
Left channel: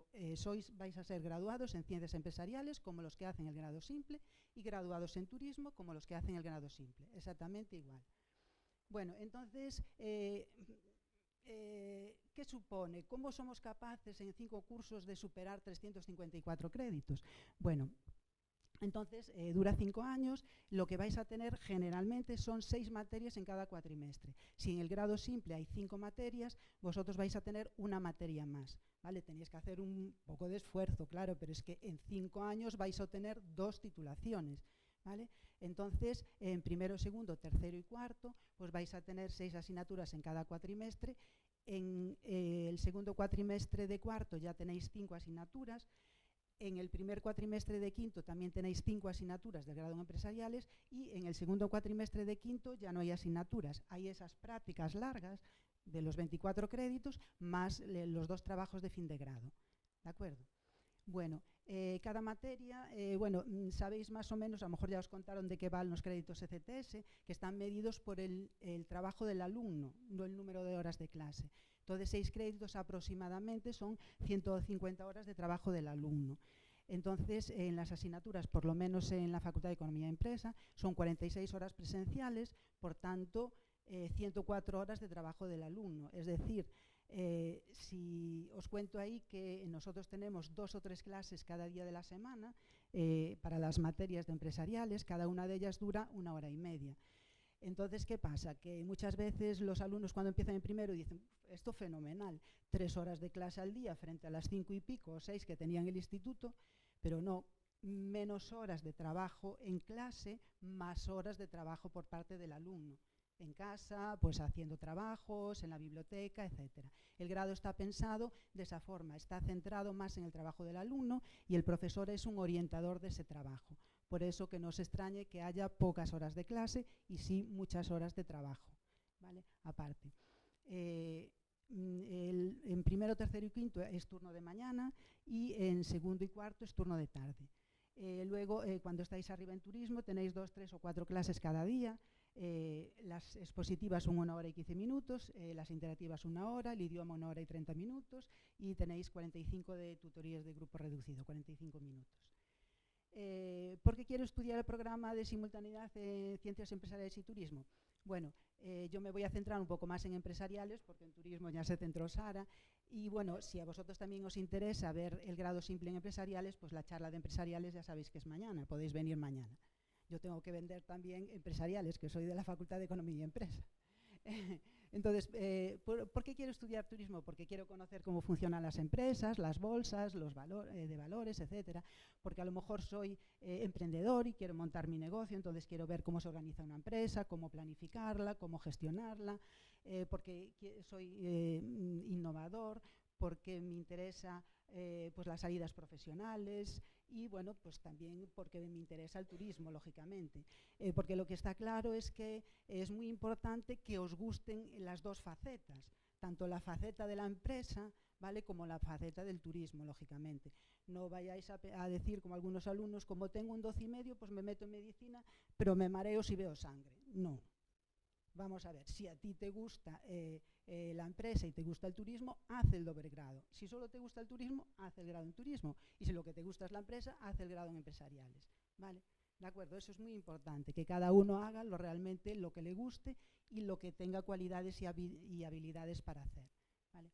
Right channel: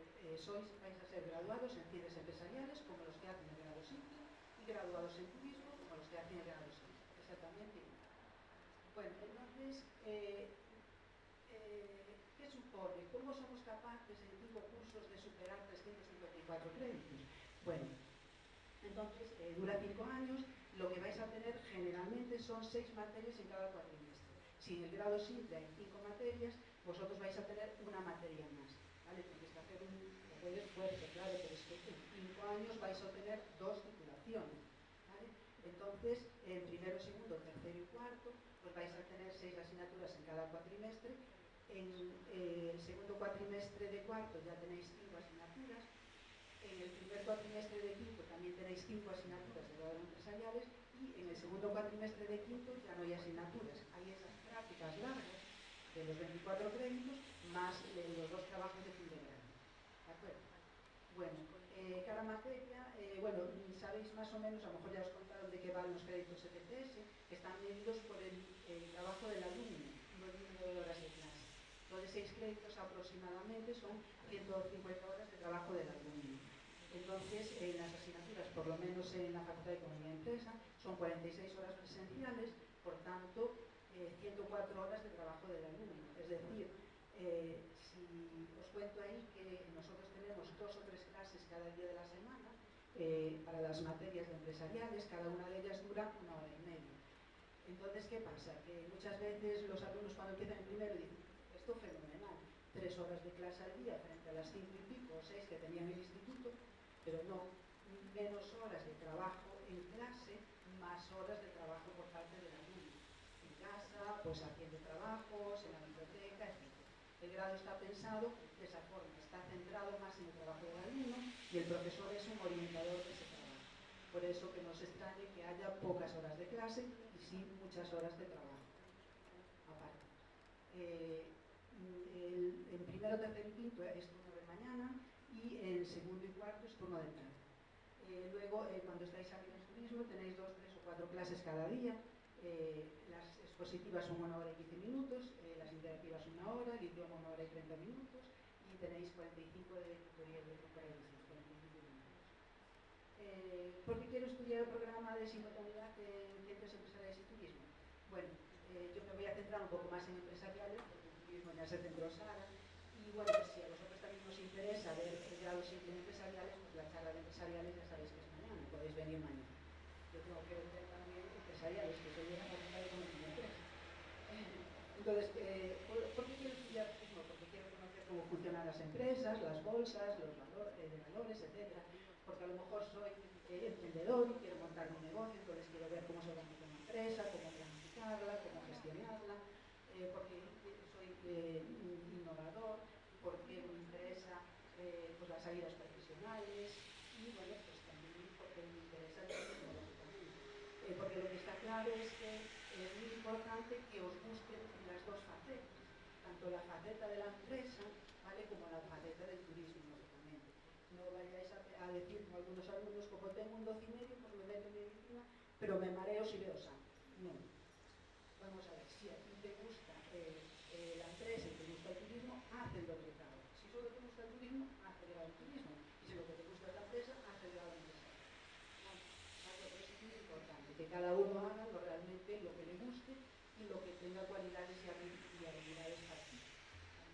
vais a ser graduados en ciencias empresariales, como los que hacen el grado simple, y graduados en turismo, como los que hacen el grado simple, exactamente igual. Bueno, entonces, ¿qué ¿Qué supone? ¿Cómo somos capaces en 5 cursos de superar 354 créditos? Bueno, entonces dura 5 años, lo que vais a tener generalmente son 6 materias en cada cuatrimestre. Si en el grado simple hay 5 materias, vosotros vais a tener una materia más, ¿vale? Tenéis que hacer un poco de esfuerzo, claro, pero es que en 5 años vais a obtener 2 titulaciones, ¿vale? Entonces, en primero, segundo, tercero y cuarto, pues vais a tener 6 asignaturas en cada cuatrimestre. En el segundo cuatrimestre de cuarto ya tenéis 5 asignaturas. En el primer cuatrimestre de quinto también tenéis 5 asignaturas de grado empresariales y en el segundo cuatrimestre de quinto ya no hay asignaturas. Hay esas prácticas largas de los 24 créditos más los 2 trabajos de fin de grado. ¿De acuerdo? Bueno, cada materia, bueno, sabéis más o menos, a lo mejor ya os contaron de qué van los créditos ECTS, que están medidos por el trabajo del alumno, no el número de horas de clase. Entonces, 6 créditos aproximadamente son 150 horas de trabajo del alumno. Entonces, en las asignaturas, por lo menos en la Facultad de Economía y Empresa, son 46 horas presenciales, por tanto, 104 horas de trabajo del alumno. Es decir, si os cuento ahí que nosotros tenemos 2 o 3 clases cada día de la semana para las materias de empresariales, cada una de ellas dura 1 hora y media. Entonces, ¿qué pasa? Que muchas veces los alumnos cuando empiezan en primero dicen, esto fenomenal, 3 horas de clase al día frente a las 5 y pico o 6 que tenían en el instituto, pero no, menos horas de trabajo en clase, más horas de trabajo por parte del alumno. En casa, pues haciendo trabajos, en la biblioteca, etc. El grado está pensado de esa forma, está centrado más en el trabajo del alumno y el profesor es un orientador de ese trabajo. Por eso que no os extrañe que haya pocas horas de clase y sí muchas horas de trabajo, ¿vale? Aparte. En primero, tercero y quinto es turno de mañana y en segundo y cuarto es turno de tarde. Luego, cuando estáis arriba en turismo, tenéis 2, 3 o 4 clases cada día. Las expositivas son 1 hora y 15 minutos, las interactivas 1 hora, el idioma 1 hora y 30 minutos y tenéis 45 de tutorías de grupo reducido, 45 minutos. ¿Por qué quiero estudiar el programa de simultaneidad en Ciencias Empresariales y Turismo? Bueno, yo me voy a centrar un poco más en empresariales, porque el turismo ya se centró Sara, y bueno, si a vosotros también os interesa ver el grado simple en empresariales, pues la charla de empresariales ya sabéis que es mañana, podéis venir mañana. Yo tengo que vender también empresariales, que soy de la Facultad de Economía y Empresa. Entonces, ¿por qué quiero estudiar turismo? Porque quiero conocer cómo funcionan las empresas, las bolsas, los de valores, etcétera. Porque a lo mejor soy emprendedor y quiero montar mi negocio, entonces quiero ver cómo se organiza una empresa, cómo planificarla, cómo gestionarla, porque soy innovador, porque me interesa pues las salidas profesionales y bueno, pues también porque me interesa el turismo, lógicamente. Porque lo que está claro es que es muy importante que os gusten las 2 facetas, tanto la faceta de la empresa, ¿vale?, como la faceta del turismo, lógicamente. No vayáis a decir, como algunos alumnos, como tengo un 12,5, pues me meto en medicina, pero me mareo si veo sangre. No. Vamos a ver, si a ti te gusta la empresa y te gusta el turismo, haz el doble grado. Si solo te gusta el turismo, haz el grado en turismo. Y si lo que te gusta es la empresa, haz el grado en empresariales. ¿Vale? ¿De acuerdo? Eso es muy importante, que cada uno haga realmente lo que le guste y lo que tenga cualidades y habilidades para hacer. ¿Vale?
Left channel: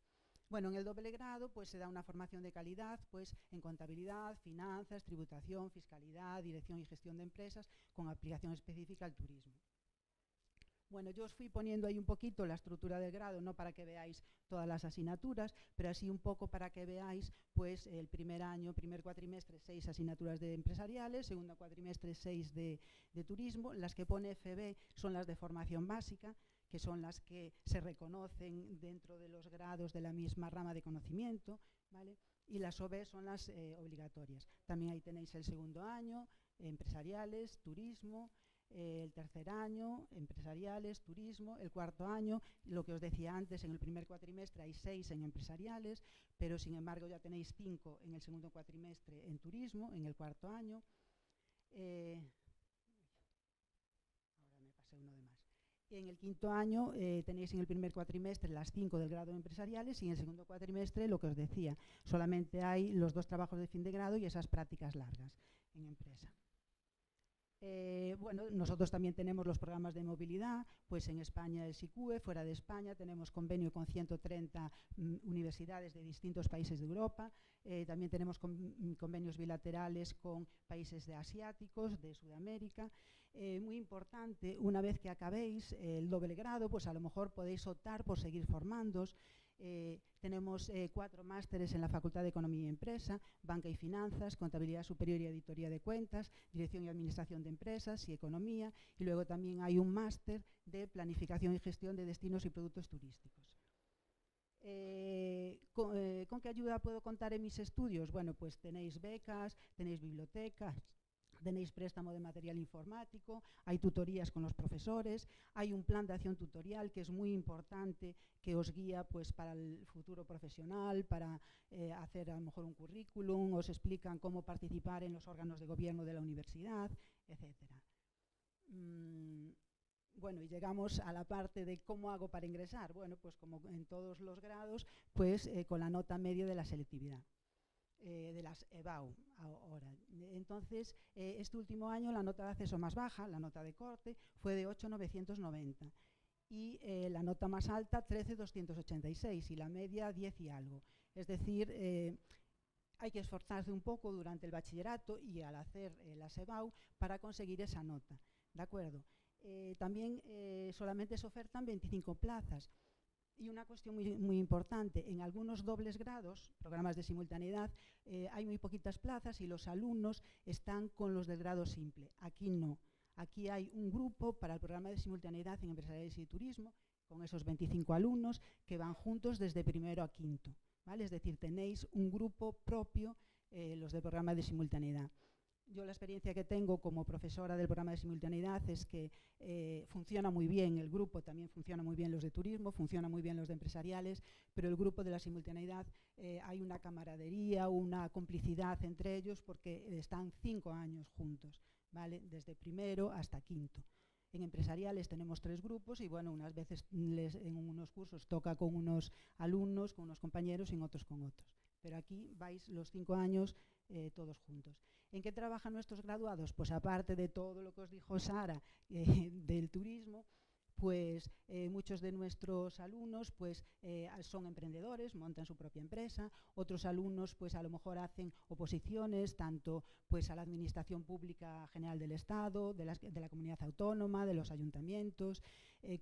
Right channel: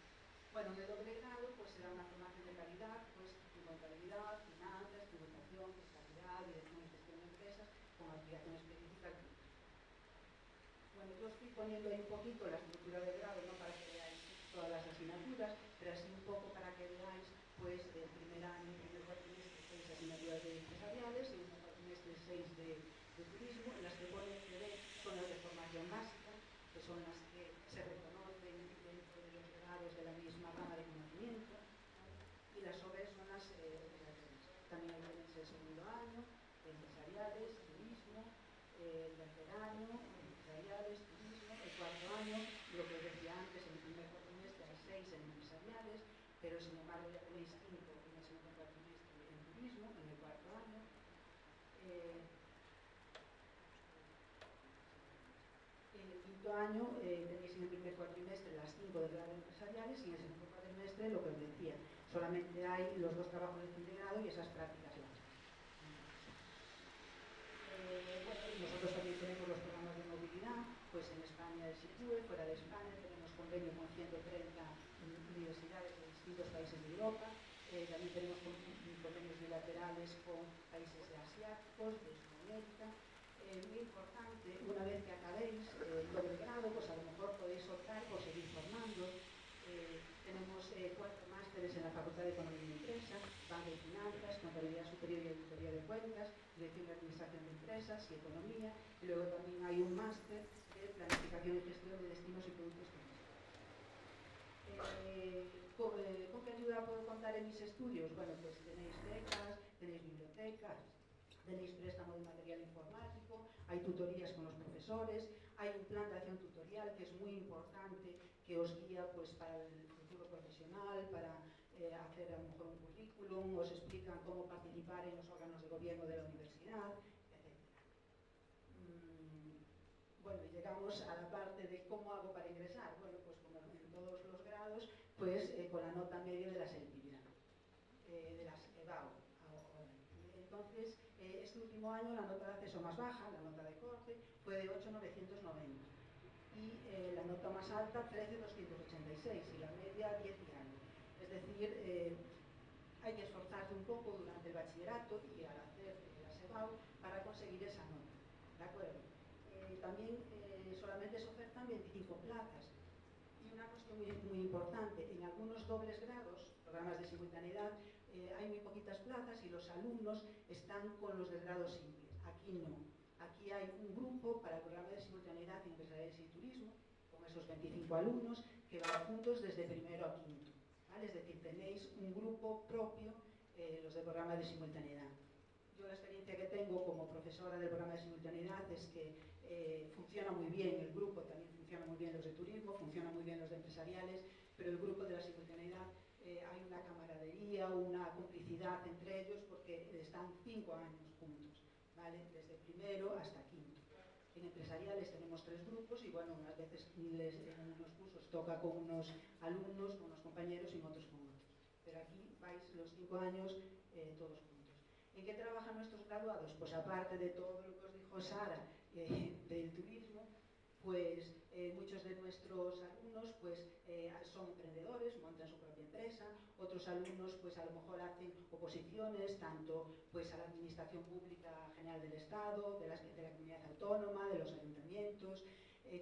Bueno, en el doble grado pues se da una formación de calidad pues en contabilidad, finanzas, tributación, fiscalidad, dirección y gestión de empresas con aplicación específica al turismo. Bueno, yo os fui poniendo ahí un poquito la estructura de grado, no para que veáis todas las asignaturas, pero así un poco para que veáis pues el primer año, primer cuatrimestre, 6 asignaturas de empresariales, segundo cuatrimestre 6 de turismo. Las que pone FB son las de formación básica, que son las que se reconocen dentro de los grados de la misma rama de conocimiento, ¿vale? Y las OB son las obligatorias. También ahí tenéis el segundo año, empresariales, turismo, el tercer año, empresariales, turismo, el cuarto año, lo que os decía antes, en el primer cuatrimestre hay 6 en empresariales, pero sin embargo ya tenéis 5 en el segundo cuatrimestre en turismo, en el cuarto año. En el quinto año tenéis en el primer cuatrimestre las 5 del grado de empresariales y en el segundo cuatrimestre, lo que os decía, solamente hay los 2 trabajos de fin de grado y esas prácticas largas. Bueno, nosotros también tenemos los programas de movilidad, pues en España el SICUE, fuera de España tenemos convenio con 130 universidades de distintos países de Europa, también tenemos convenios bilaterales con países asiáticos, de Sudamérica. Muy importante, una vez que acabéis el doble grado, pues a lo mejor podéis optar por seguir formándoos. Tenemos 4 másteres en la Facultad de Economía y Empresa, Banca y Finanzas, Contabilidad Superior y Auditoría de Cuentas, Dirección y Administración de Empresas y Economía, y luego también hay un máster de Planificación y Gestión de Destinos y Productos Turísticos. ¿Con qué ayuda puedo contar en mis estudios? Bueno, pues tenéis becas, tenéis bibliotecas, tenéis préstamo de material informático, hay tutorías con los profesores, hay un plan de acción tutorial que es muy importante, que os guía pues, para el futuro profesional, para hacer a lo mejor un currículum, os explican cómo participar en los órganos de gobierno de la universidad, etc. Bueno, y llegamos a la parte de cómo hago para ingresar. Bueno, pues como en todos los grados, pues con la nota media de la selectividad, de las EBAU ahora. Entonces, este último año la nota de acceso más baja, la nota de corte, fue de 8,990 y la nota más alta 13,286 y la media 10 y algo. Es decir, hay que esforzarse un poco durante el bachillerato y al hacer la EBAU para conseguir esa nota, ¿de acuerdo? También solamente se ofertan 25 plazas. Y una cuestión muy importante, en algunos dobles grados, programas de simultaneidad, hay muy poquitas plazas y los alumnos están con los del grado simple. Aquí no. Aquí hay un grupo para el programa de simultaneidad en empresariales y turismo, con esos 25 alumnos que van juntos desde primero a quinto, ¿vale? Es decir, tenéis un grupo propio, los del programa de simultaneidad. Yo la experiencia que tengo como profesora del programa de simultaneidad es que funciona muy bien el grupo, también funciona muy bien los de turismo, funcionan muy bien los de empresariales, pero el grupo de la simultaneidad hay una camaradería, una complicidad entre ellos porque están 5 años juntos, ¿vale? Desde primero hasta quinto. En empresariales tenemos 3 grupos y bueno, unas veces en unos cursos toca con unos alumnos, con unos compañeros y en otros con otros. Pero aquí vais los 5 años todos juntos. ¿En qué trabajan nuestros graduados? Pues aparte de todo lo que os dijo Sara del turismo, pues muchos de nuestros alumnos pues, son emprendedores, montan su propia empresa, otros alumnos pues a lo mejor hacen oposiciones tanto pues a la Administración Pública General del Estado, de la Comunidad Autónoma, de los ayuntamientos,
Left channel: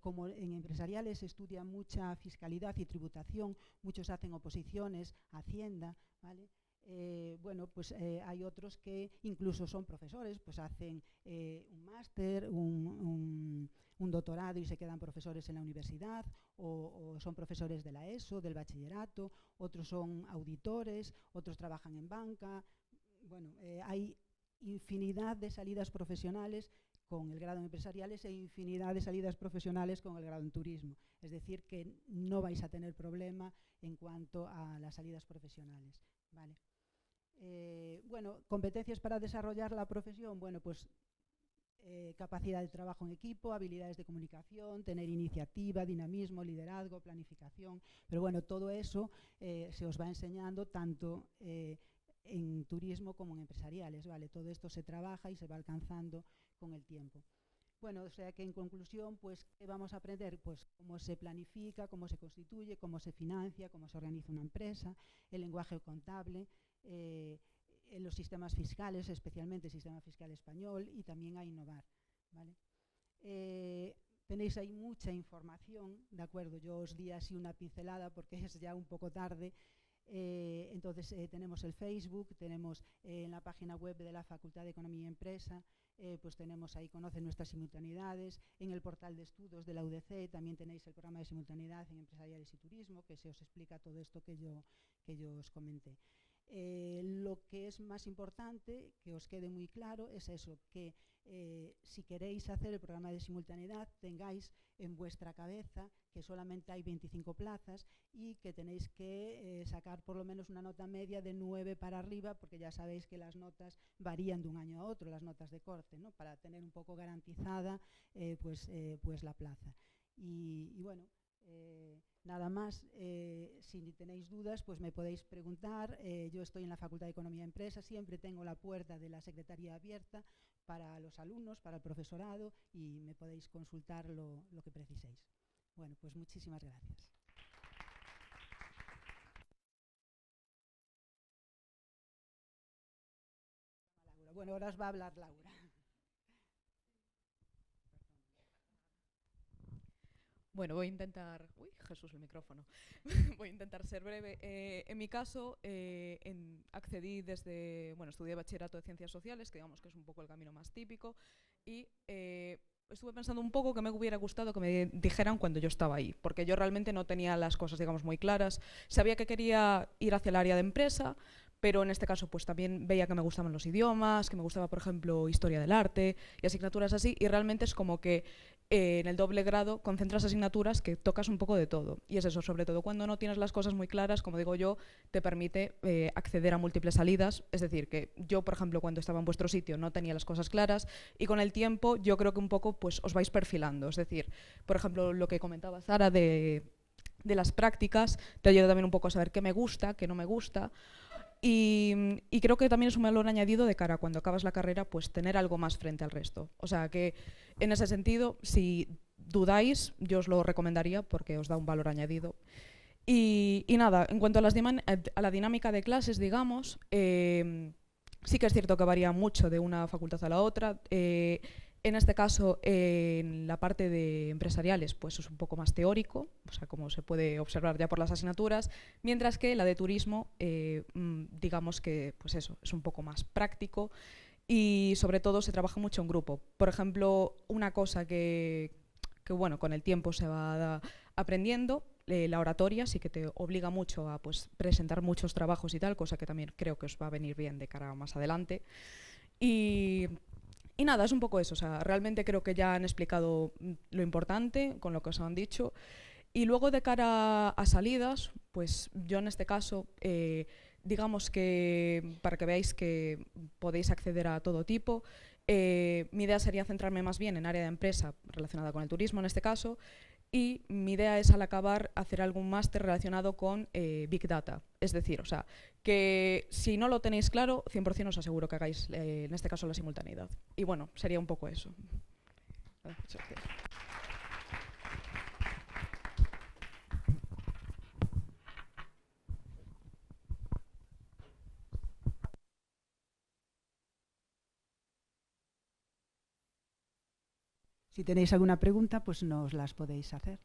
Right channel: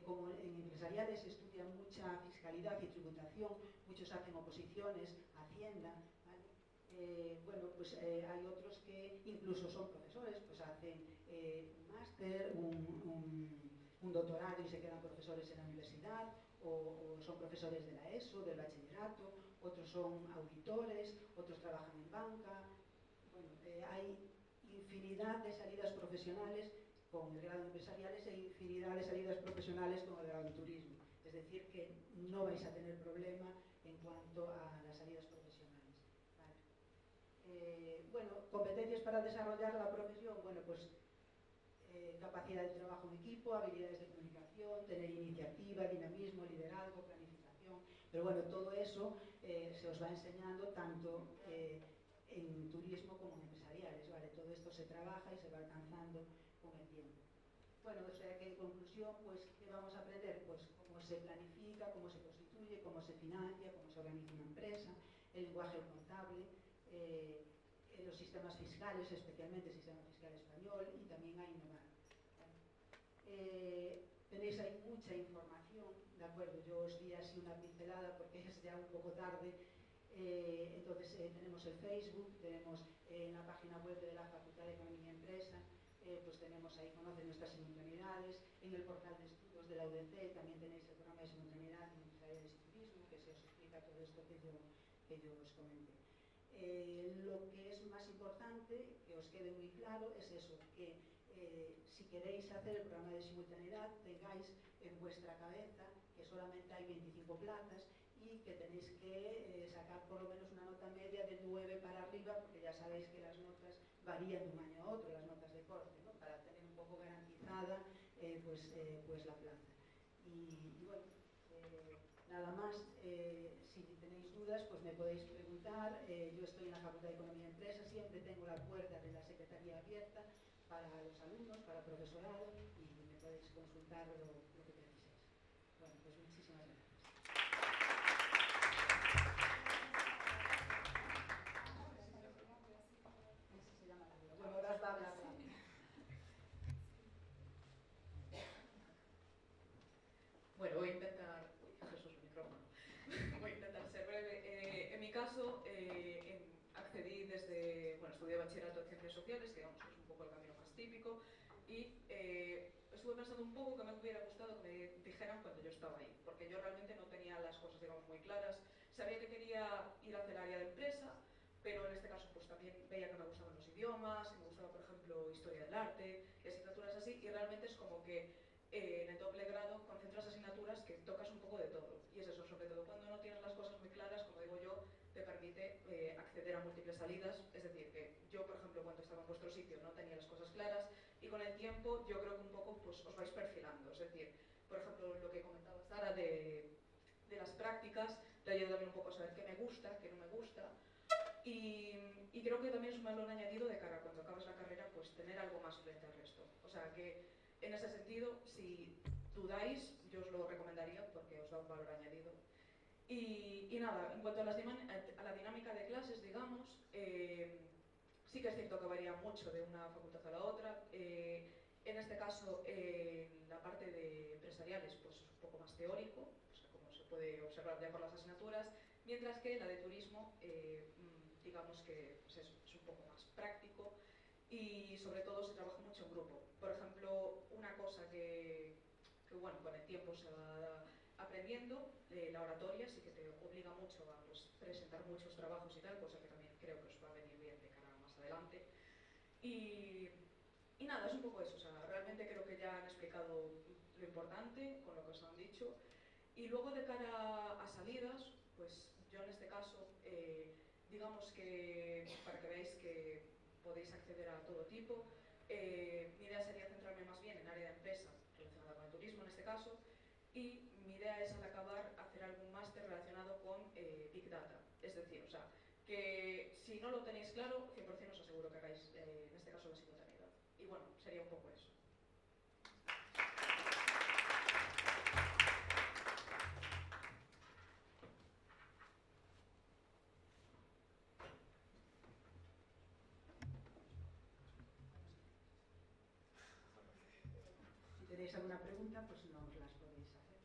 como en empresariales se estudia mucha fiscalidad y tributación, muchos hacen oposiciones a Hacienda, ¿vale? Bueno, pues hay otros que incluso son profesores, pues hacen un máster, un doctorado y se quedan profesores en la universidad, o son profesores de la ESO, del bachillerato, otros son auditores, otros trabajan en banca. Bueno, hay infinidad de salidas profesionales con el grado en empresariales e infinidad de salidas profesionales con el grado en turismo. Es decir, que no vais a tener problema en cuanto a las salidas profesionales. ¿Vale? Bueno, competencias para desarrollar la profesión, bueno, pues capacidad de trabajo en equipo, habilidades de comunicación, tener iniciativa, dinamismo, liderazgo, planificación, pero bueno, todo eso se os va enseñando tanto en turismo como en empresariales, ¿vale? Todo esto se trabaja y se va alcanzando con el tiempo. Bueno, o sea que en conclusión, pues, ¿qué vamos a aprender? Pues cómo se planifica, cómo se constituye, cómo se financia, cómo se organiza una empresa, el lenguaje contable, en los sistemas fiscales, especialmente el sistema fiscal español, y también a innovar, ¿vale? Tenéis ahí mucha información, ¿de acuerdo? Yo os di así una pincelada porque es ya un poco tarde. Entonces tenemos el Facebook, tenemos en la página web de la Facultad de Economía y Empresa, pues tenemos ahí, conocen nuestras simultaneidades, en el portal de estudios de la UDC también tenéis el programa de simultaneidad en empresariales y turismo, que se os explica todo esto que yo os comenté. Lo que es más importante, que os quede muy claro, es eso, que si queréis hacer el programa de simultaneidad, tengáis en vuestra cabeza que solamente hay 25 plazas y que tenéis que sacar por lo menos una nota media de 9 para arriba, porque ya sabéis que las notas varían de un año a otro, las notas de corte, ¿no? Para tener un poco garantizada pues la plaza. Y bueno, nada más, si tenéis dudas, pues me podéis preguntar. Yo estoy en la Facultad de Economía y Empresa, siempre tengo la puerta de la Secretaría abierta para los alumnos, para el profesorado, y me podéis consultar lo que preciséis. Bueno, pues muchísimas gracias. Bueno, ahora os va a hablar Laura. Bueno, voy a intentar... Uy, Jesús, el micrófono. Voy a intentar ser breve. En mi caso, accedí desde... Bueno, estudié bachillerato de Ciencias Sociales, que digamos que es un poco el camino más típico, y estuve pensando un poco que me hubiera gustado que me dijeran cuando yo estaba ahí, porque yo realmente no tenía las cosas, digamos, muy claras. Sabía que quería ir hacia el área de empresa, pero en este caso pues también veía que me gustaban los idiomas, que me gustaba, por ejemplo, historia del arte y asignaturas así, y realmente es como que en el doble grado concentras asignaturas que tocas un poco de todo. Y es eso, sobre todo cuando no tienes las cosas muy claras, como digo yo, te permite acceder a múltiples salidas. Es decir, que yo, por ejemplo, cuando estaba en vuestro sitio no tenía las cosas claras, y con el tiempo yo creo que un poco pues os vais perfilando. Es decir, por ejemplo, lo que comentaba Zara de las prácticas te ayuda también un poco a saber qué me gusta, qué no me gusta. Y creo que también es un valor añadido de cara a cuando acabas la carrera, pues tener algo más frente al resto. O sea que en ese sentido, si dudáis, yo os lo recomendaría porque os da un valor añadido. Y nada, en cuanto a la dinámica de clases, digamos, sí que es cierto que varía mucho de una facultad a la otra. En este caso, en la parte de empresariales, pues es un poco más teórico, o sea, como se puede observar ya por las asignaturas, mientras que la de turismo, digamos que, pues eso, es un poco más práctico y sobre todo se trabaja mucho en grupo. Por ejemplo, una cosa que bueno, con el tiempo se va aprendiendo, la oratoria sí que te obliga mucho a pues, presentar muchos trabajos y tal, cosa que también creo que os va a venir bien de cara a más adelante. Y nada, es un poco eso, o sea, realmente creo que ya han explicado lo importante con lo que os han dicho. Y luego de cara a salidas, pues yo en este caso, digamos que para que veáis que podéis acceder a todo tipo, mi idea sería centrarme más bien en área de empresa relacionada con el turismo en este caso, y mi idea es al acabar hacer algún máster relacionado con Big Data. Es decir, o sea, que si no lo tenéis claro, 100% os aseguro que hagáis en este caso la simultaneidad. Y bueno, sería un poco eso. Si tenéis alguna pregunta, pues nos las podéis hacer.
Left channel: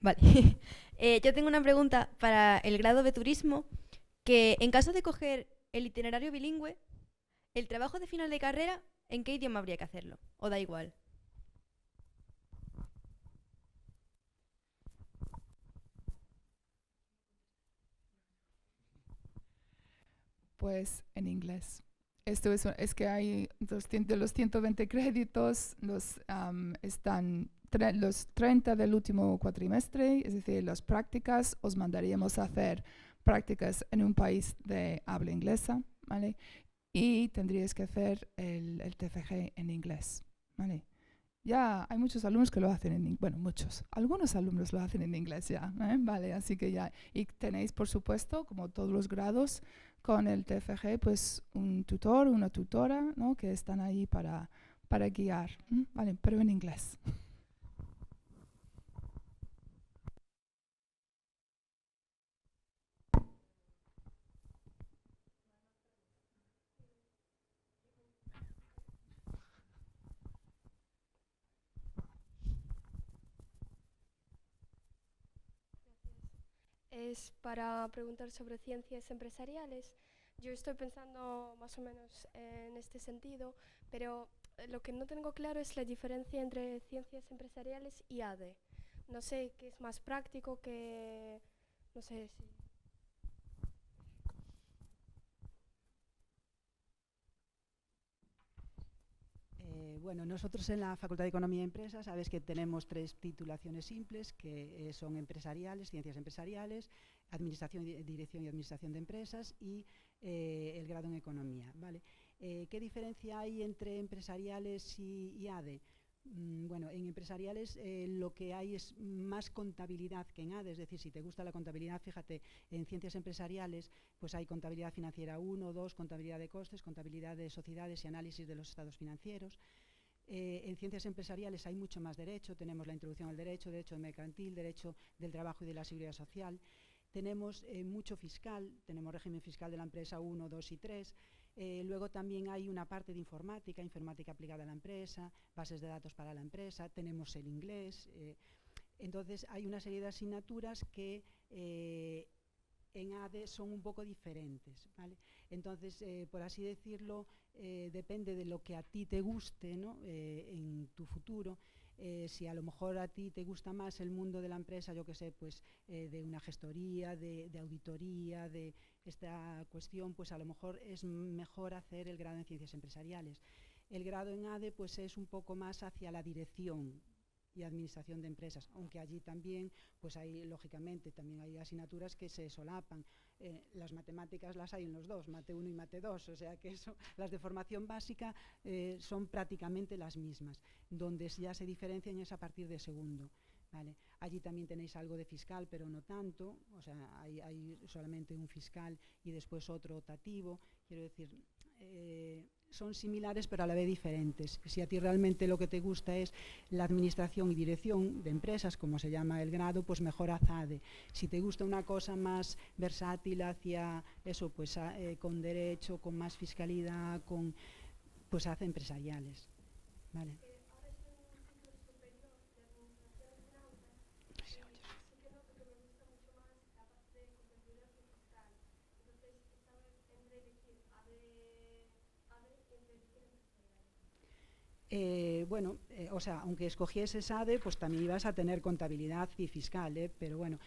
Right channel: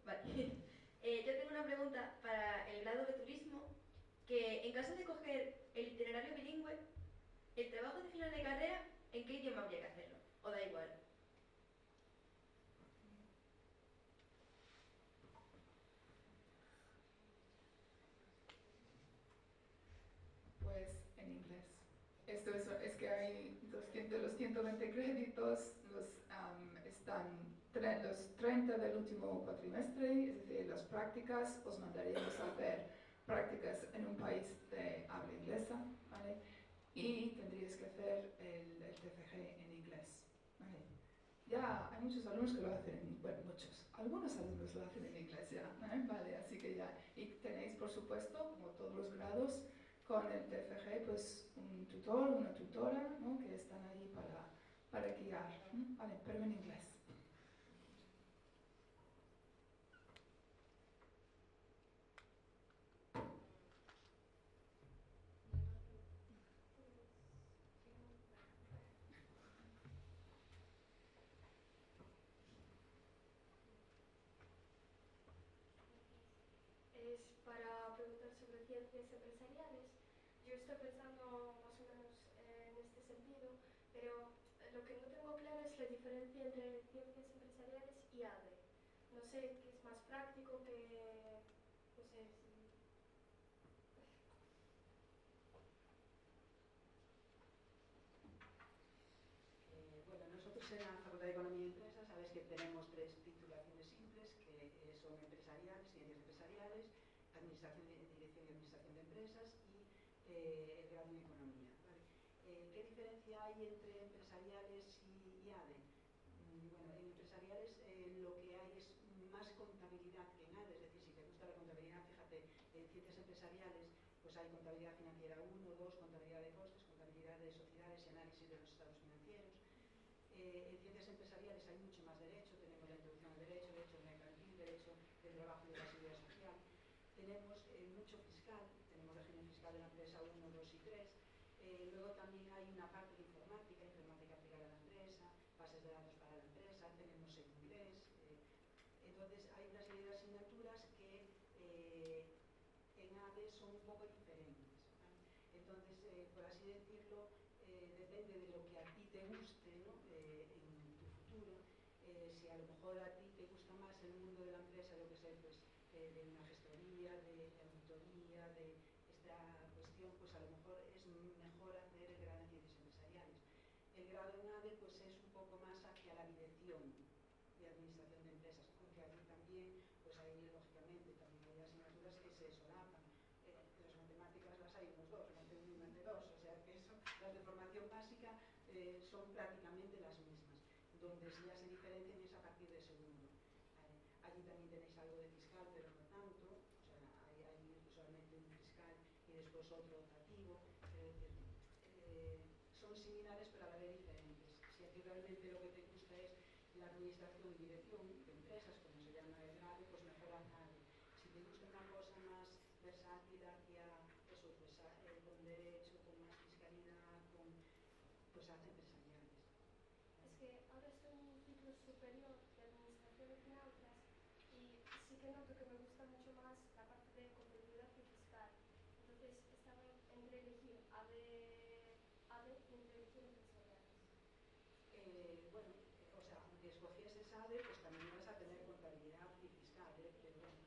Vale. Yo tengo una pregunta para el grado de turismo, que en caso de coger el itinerario bilingüe, el trabajo de final de carrera, ¿en qué idioma habría que hacerlo? ¿O da igual? Pues en inglés. Esto es que hay de los 120 créditos, están los 30 del último cuatrimestre, es decir, las prácticas, os mandaríamos a hacer prácticas en un país de habla inglesa, ¿vale? Y tendríais que hacer el TFG en inglés, ¿vale? Ya hay muchos alumnos que lo hacen en inglés, bueno, muchos, algunos alumnos lo hacen en inglés ya, ¿vale? Así que ya, y tenéis, por supuesto, como todos los grados, con el TFG, pues un tutor, una tutora, ¿no? Que están ahí para guiar, ¿vale? Pero en inglés. Es para preguntar sobre ciencias empresariales. Yo estoy pensando más o menos en este sentido, pero lo que no tengo claro es la diferencia entre ciencias empresariales y ADE. No sé qué es más práctico, que no sé si... Bueno, nosotros en la Facultad de Economía y Empresas sabes que tenemos 3 titulaciones simples que son empresariales, ciencias empresariales, dirección y administración de empresas y el grado en economía, ¿vale? ¿Qué diferencia hay entre empresariales y ADE? Bueno, en empresariales lo que hay es más contabilidad que en ADE, es decir, si te gusta la contabilidad, fíjate, en ciencias empresariales pues hay contabilidad financiera 1, 2, contabilidad de costes, contabilidad de sociedades y análisis de los estados financieros. En ciencias empresariales hay mucho más derecho, tenemos la introducción al derecho, derecho mercantil, derecho del trabajo y de la seguridad social. Tenemos mucho fiscal, tenemos régimen fiscal de la empresa 1, 2 y 3. Luego también hay una parte de informática, informática aplicada a la empresa, bases de datos para la empresa, tenemos el inglés. Entonces hay una serie de asignaturas que en ADE son un poco diferentes, ¿vale? Entonces, por así decirlo, depende de lo que a ti te guste, ¿no? En tu futuro. Si a lo mejor a ti te gusta más el mundo de la empresa, yo que sé, pues de una gestoría, de auditoría, de esta cuestión, pues a lo mejor es mejor hacer el grado en ciencias empresariales. El grado en ADE pues es un poco más hacia la dirección y administración de empresas, aunque allí también, pues hay, lógicamente, también hay asignaturas que se solapan. Las matemáticas las hay en los dos, Mate 1 y Mate 2, o sea que eso, las de formación básica son prácticamente las mismas. Donde ya se diferencian es a partir de segundo, ¿vale? Allí también tenéis algo de fiscal, pero no tanto, o sea, hay solamente un fiscal y después otro optativo, quiero decir, son similares pero a la vez diferentes. Si a ti realmente lo que te gusta es la administración y dirección de empresas, como se llama el grado, pues mejor haz ADE. Si te gusta una cosa más versátil hacia eso, pues con derecho, con más fiscalidad, pues haz empresariales, ¿vale? Bueno, o sea, aunque escogieses ADE, pues también ibas a tener contabilidad y fiscal, pero bueno,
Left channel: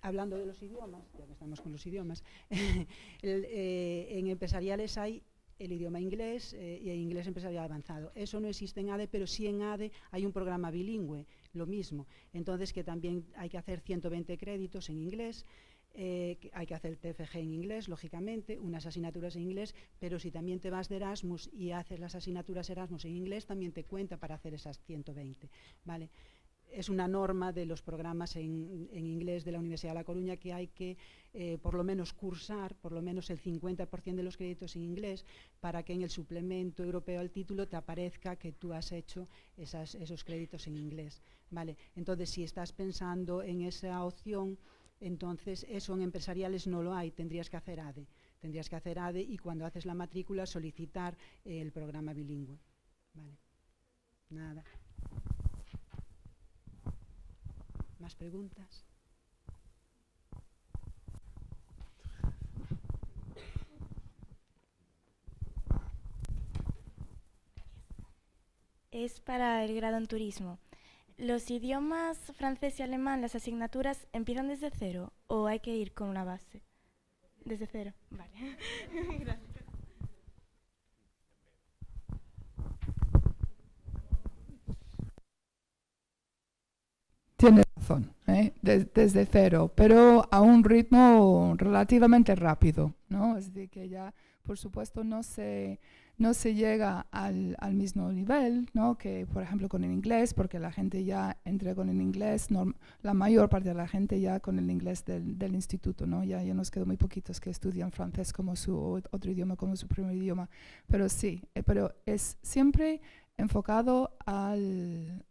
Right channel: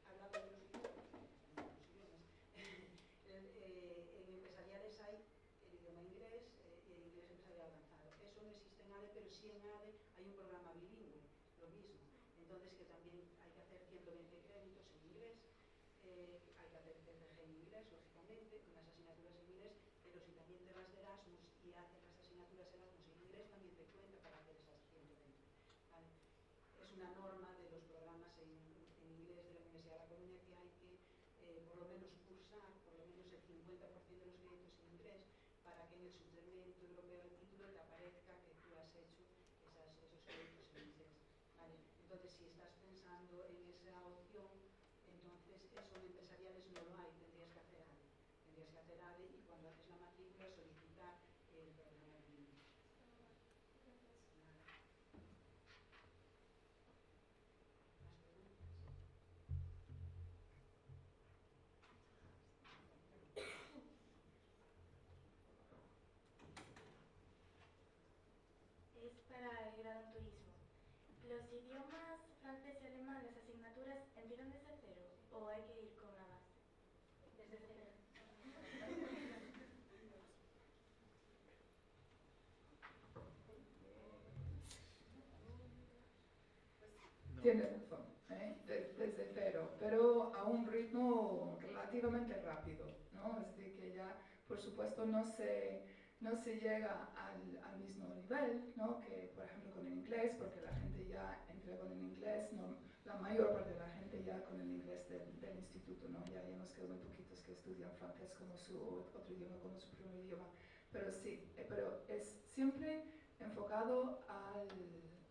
hablando de los idiomas, ya que estamos con los idiomas, en empresariales hay el idioma inglés y el inglés empresarial avanzado. Eso no existe en ADE, pero sí en ADE hay un programa bilingüe, lo mismo. Entonces, que también hay que hacer 120 créditos en inglés. Hay que hacer el TFG en inglés, lógicamente, unas asignaturas en inglés, pero si también te vas de Erasmus y haces las asignaturas Erasmus en inglés, también te cuenta para hacer esas 120, ¿vale? Es una norma de los programas en inglés de la Universidad de La Coruña que hay que por lo menos cursar, por lo menos el 50% de los créditos en inglés para que en el suplemento europeo al título te aparezca que tú has hecho esos créditos en inglés, ¿vale? Entonces, si estás pensando en esa opción, entonces eso en empresariales no lo hay, tendrías que hacer ADE. Tendrías que hacer ADE y cuando haces la matrícula solicitar el programa bilingüe. Vale. Nada. ¿Más preguntas? Es para el grado en turismo. ¿Los idiomas francés y alemán, las asignaturas, empiezan desde cero o hay que ir con una base? Desde cero. Vale. Tiene razón, desde cero, pero a un ritmo relativamente rápido, ¿no? Es decir, que ya, por supuesto, no se llega al mismo nivel, ¿no? Que, por ejemplo, con el inglés, porque la gente ya entra con el inglés, la mayor parte de la gente ya con el inglés del instituto, ¿no? Ya nos quedan muy poquitos que estudian francés como su otro idioma, como su primer idioma, pero sí, pero es siempre enfocado al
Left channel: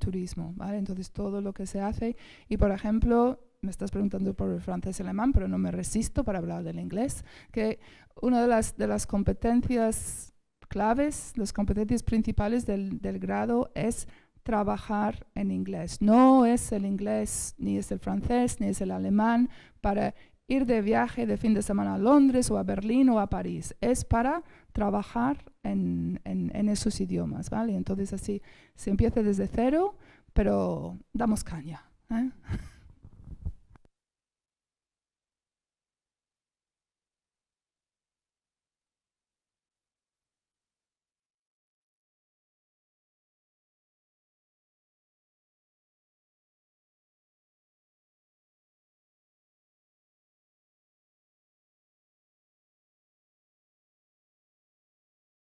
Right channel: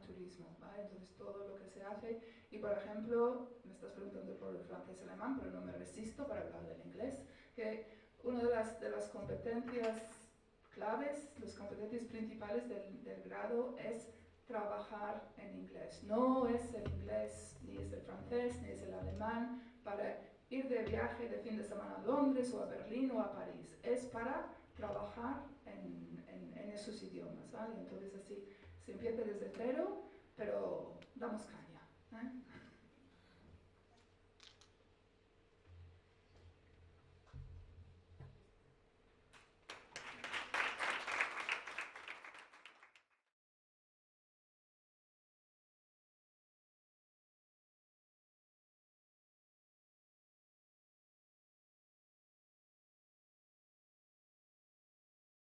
turismo, ¿vale? Entonces todo lo que se hace, y por ejemplo, me estás preguntando por el francés y el alemán, pero no me resisto para hablar del inglés, que una de las competencias claves, las competencias principales del grado es trabajar en inglés. No es el inglés, ni es el francés, ni es el alemán para ir de viaje de fin de semana a Londres o a Berlín o a París. Es para trabajar en esos idiomas, ¿vale? Entonces así se empieza desde cero, pero damos caña, ¿eh?